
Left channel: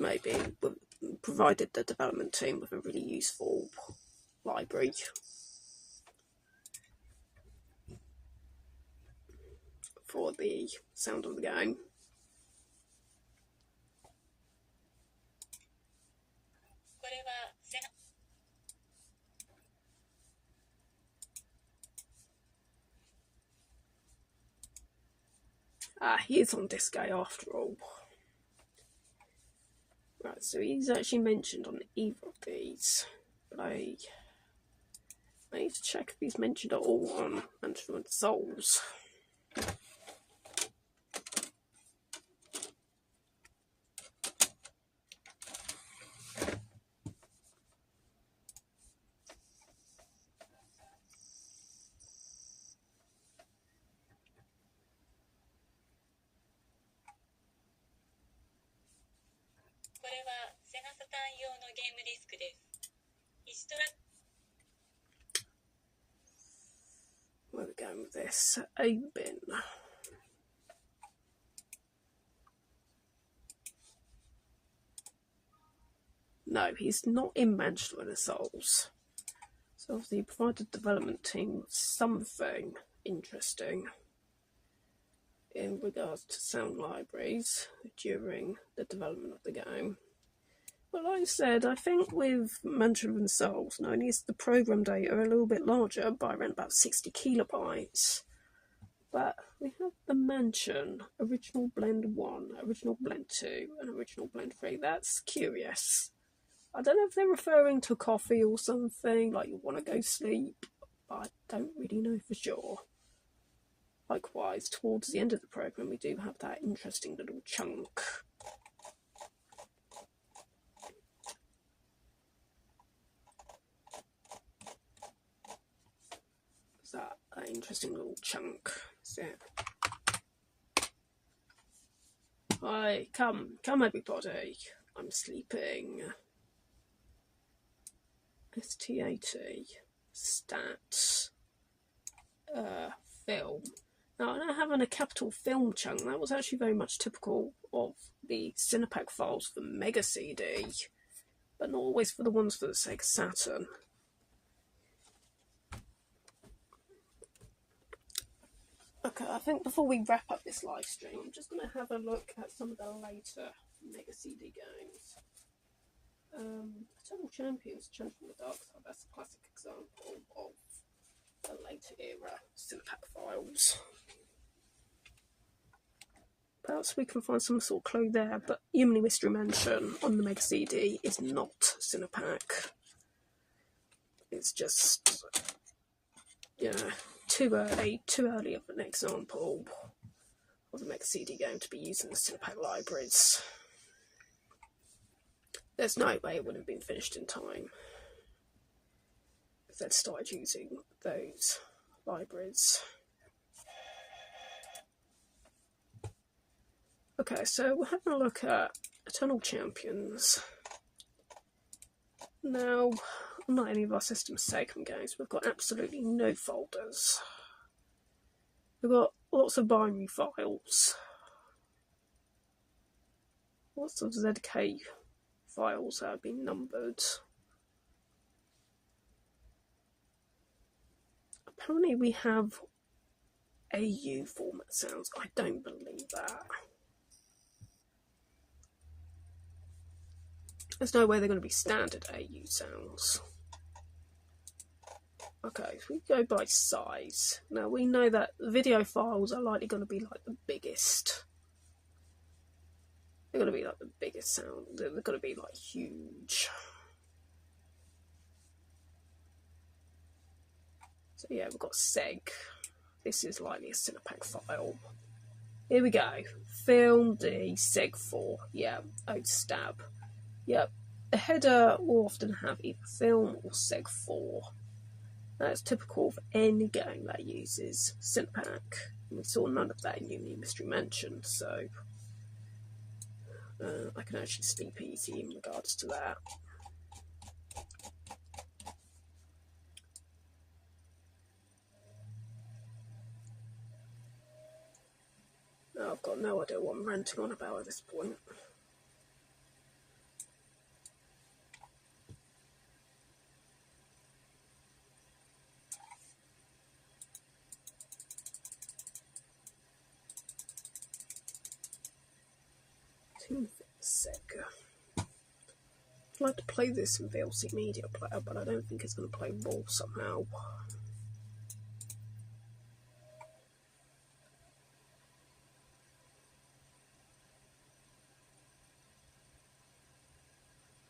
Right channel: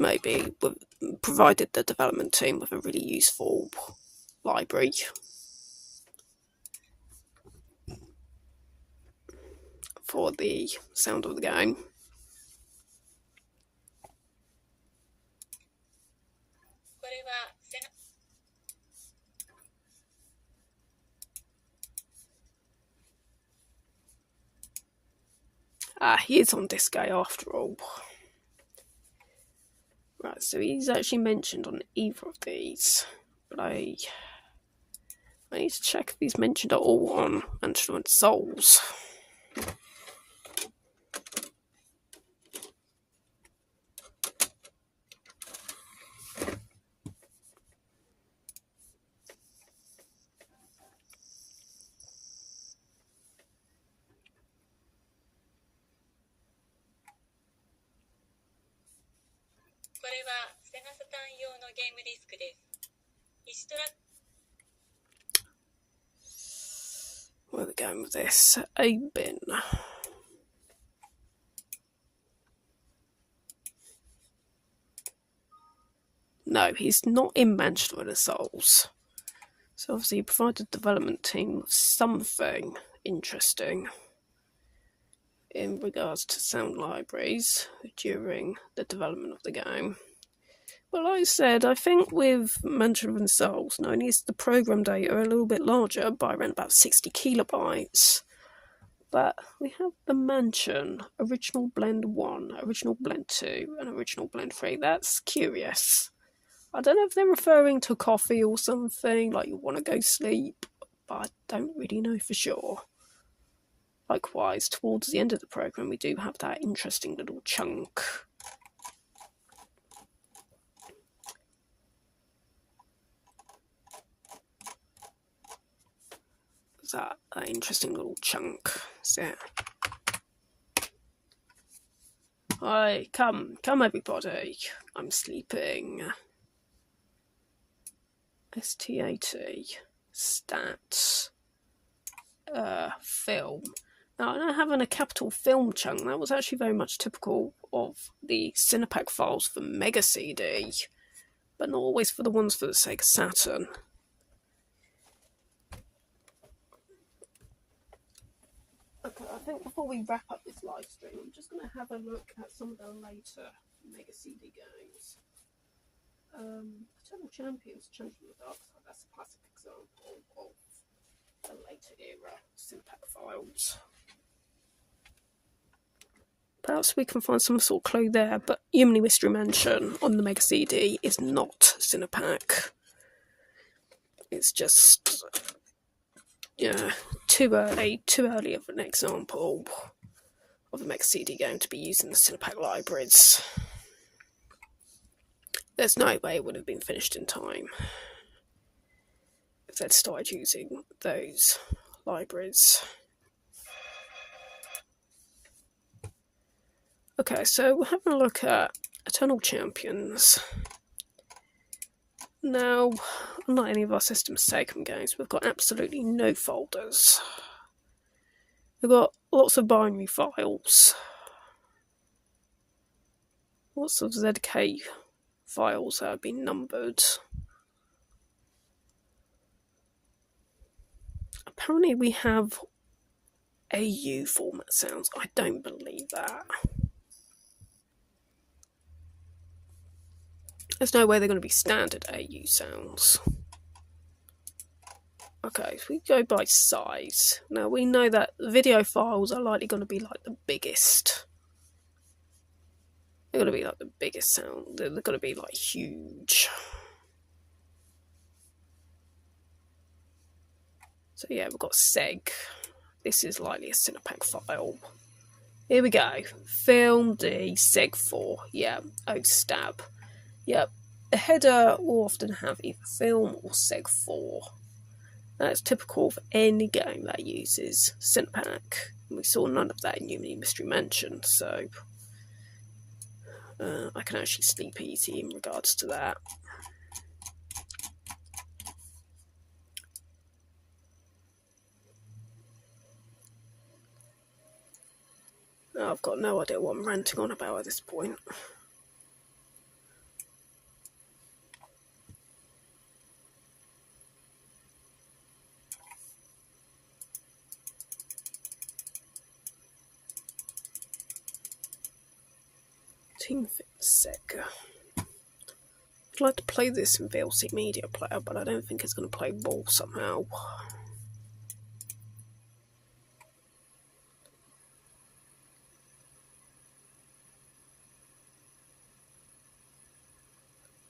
the development team with a really useful library for the sound of the game. He is on disc A after all. Right, so he's actually mentioned on either of these, but I need to check if he's mentioned at all on Mental and Souls. Where are we going with this? A bin. No, he's not in Manchester with the Souls. So obviously he provided the development team with something interesting in regards to sound libraries during the development of the game. Well, like I said, I think with Mantra and Souls, not only is the program data a little bit larger by around about 60 kilobytes, but we have the Mansion, Original Blend 1, Original Blend 2, and Original Blend 3. That's curious. I don't know if they're referring to coffee or something, like you want to go sleep, but I don't really know for sure. Likewise, towards the end of the program, we do have that interesting little chunk. That interesting little chunk. So, hi, come everybody, I'm sleeping. STAT. Stats. Film. Now, I don't have a capital film chunk. That was actually very much typical of the Cinepak files for Mega CD, but not always for the ones for the Sega Saturn. Okay, I think before we wrap up this live stream, I'm just going to have a look at some of the later Mega CD games. Eternal Champions, Chant from the Dark Side, that's a classic example of a later era Cinepak files. Perhaps we can find some sort of clue there, but Yumemi Mystery Mansion on the Mega CD is not Cinepak. It's just, yeah, too early of an example of a Mega CD game to be used in the Cinepak libraries. There's no way it would have been finished in time if they'd started using those libraries. Okay, so we're having a look at Eternal Champions. Now, unlike any of our system sacom games, we've got absolutely no folders. We've got lots of binary files, lots of ZK files that have been numbered. Apparently we have AU format sounds. I don't believe that. There's no way they're going to be standard AU sounds. Okay, so we go by size. Now we know that video files are likely going to be like the biggest. They're going to be like the biggest sound. They're going to be like huge. So yeah, we've got Seg. This is likely a Cinepak file. Here we go. Film D Seg 4. Yeah, oh stab. Yep, the header will often have either film or Seg 4. That's typical of any game that uses Cinepak. We saw none of that in Yumemi Mystery Mansion, so I can actually sleep easy in regards to that. I've got no idea what I'm ranting on about at this point. Team Fit Sega. I'd like to play this in VLC Media Player, but I don't think it's going to play ball somehow.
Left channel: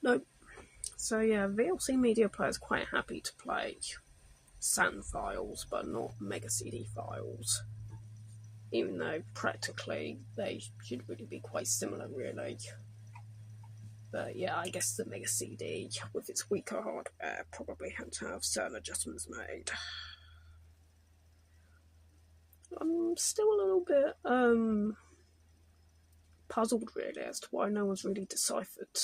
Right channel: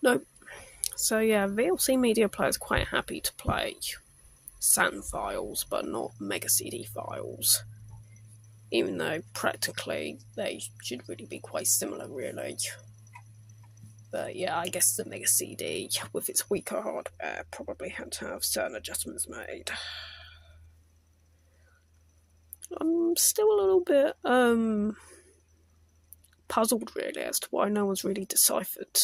Nope. So yeah, VLC Media Player is quite happy to play Saturn files, but not Mega CD files. Even though practically they should really be quite similar, really. But yeah, I guess the Mega CD, with its weaker hardware, probably had to have certain adjustments made. I'm still a little bit puzzled, really, as to why no one's really deciphered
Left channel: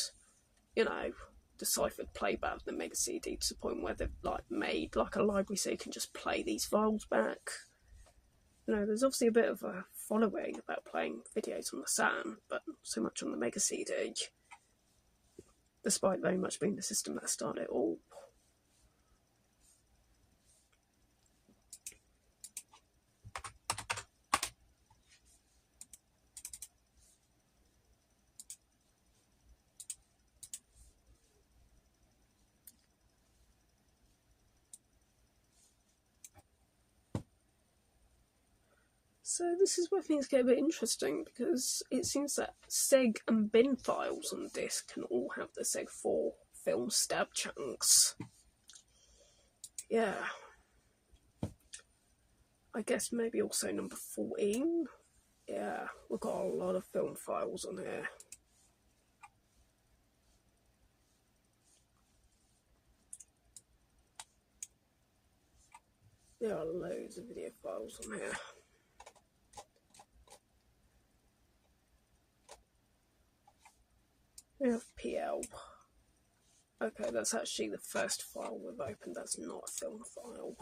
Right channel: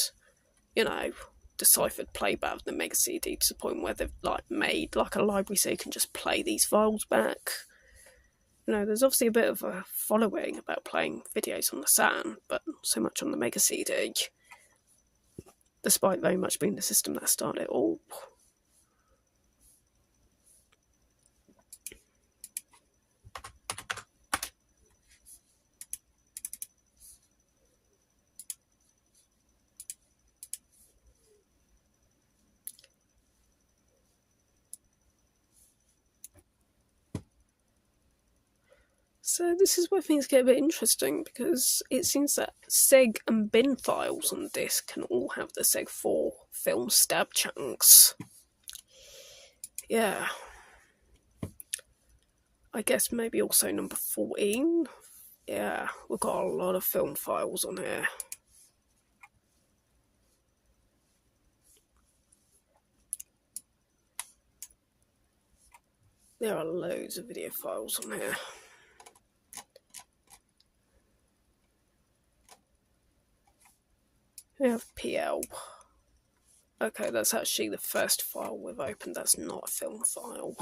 playback of the Mega CD to the point where they've made a library so you can just play these files back. There's obviously a bit of a following about playing videos on the Saturn, but not so much on the Mega CD, despite very much being the system that started it all. So this is where things get a bit interesting, because it seems that Seg and bin files on disk can all have the Seg 4 film stab chunks. Yeah. I guess maybe also number 14. Yeah, we've got a lot of film files on here. There are loads of video files on here. We have PL. Okay, that's actually the first file we've opened. That's not a film file.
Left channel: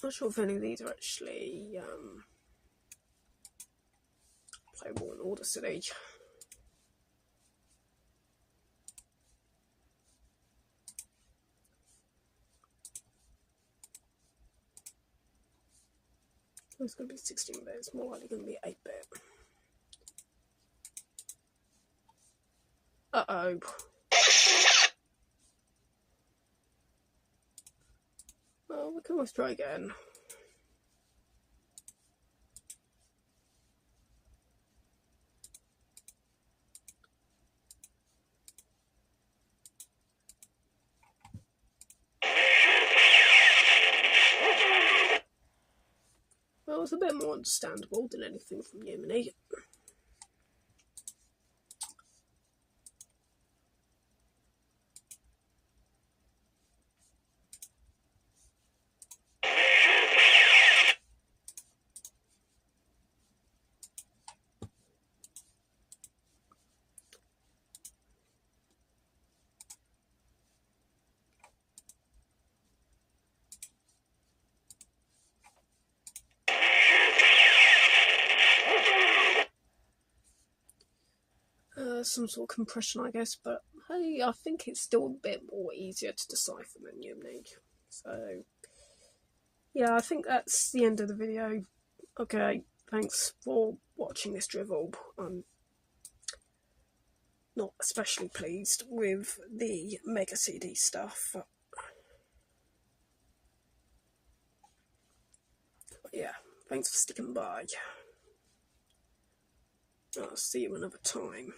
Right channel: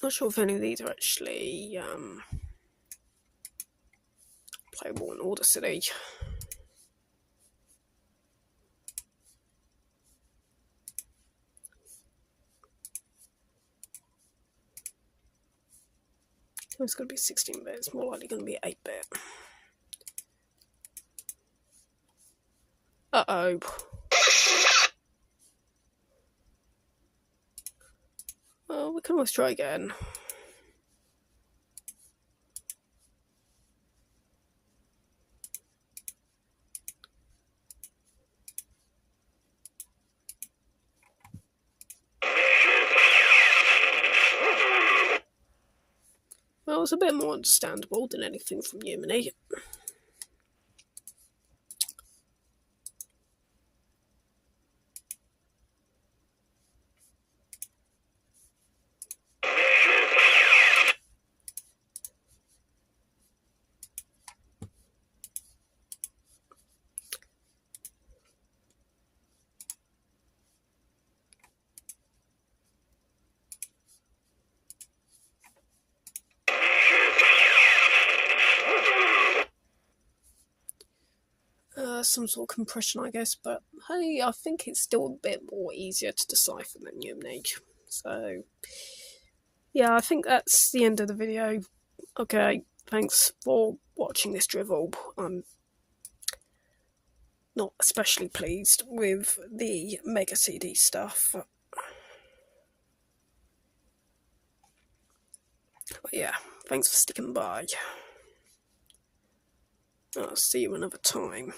Not sure if any of these are actually playable in Audacity. It's going to be 16-bit. It's more likely going to be 8-bit. Uh-oh. Well, we can always try again. Well, it's a bit more understandable than anything from Yumemi. Some sort of compression, I guess, but hey, I think it's still a bit more easier to decipher than Yumemi. So, yeah, I think that's the end of the video. Okay, thanks for watching this drivel. I'm not especially pleased with the Mega CD stuff. But yeah, thanks for sticking by. I'll see you another time.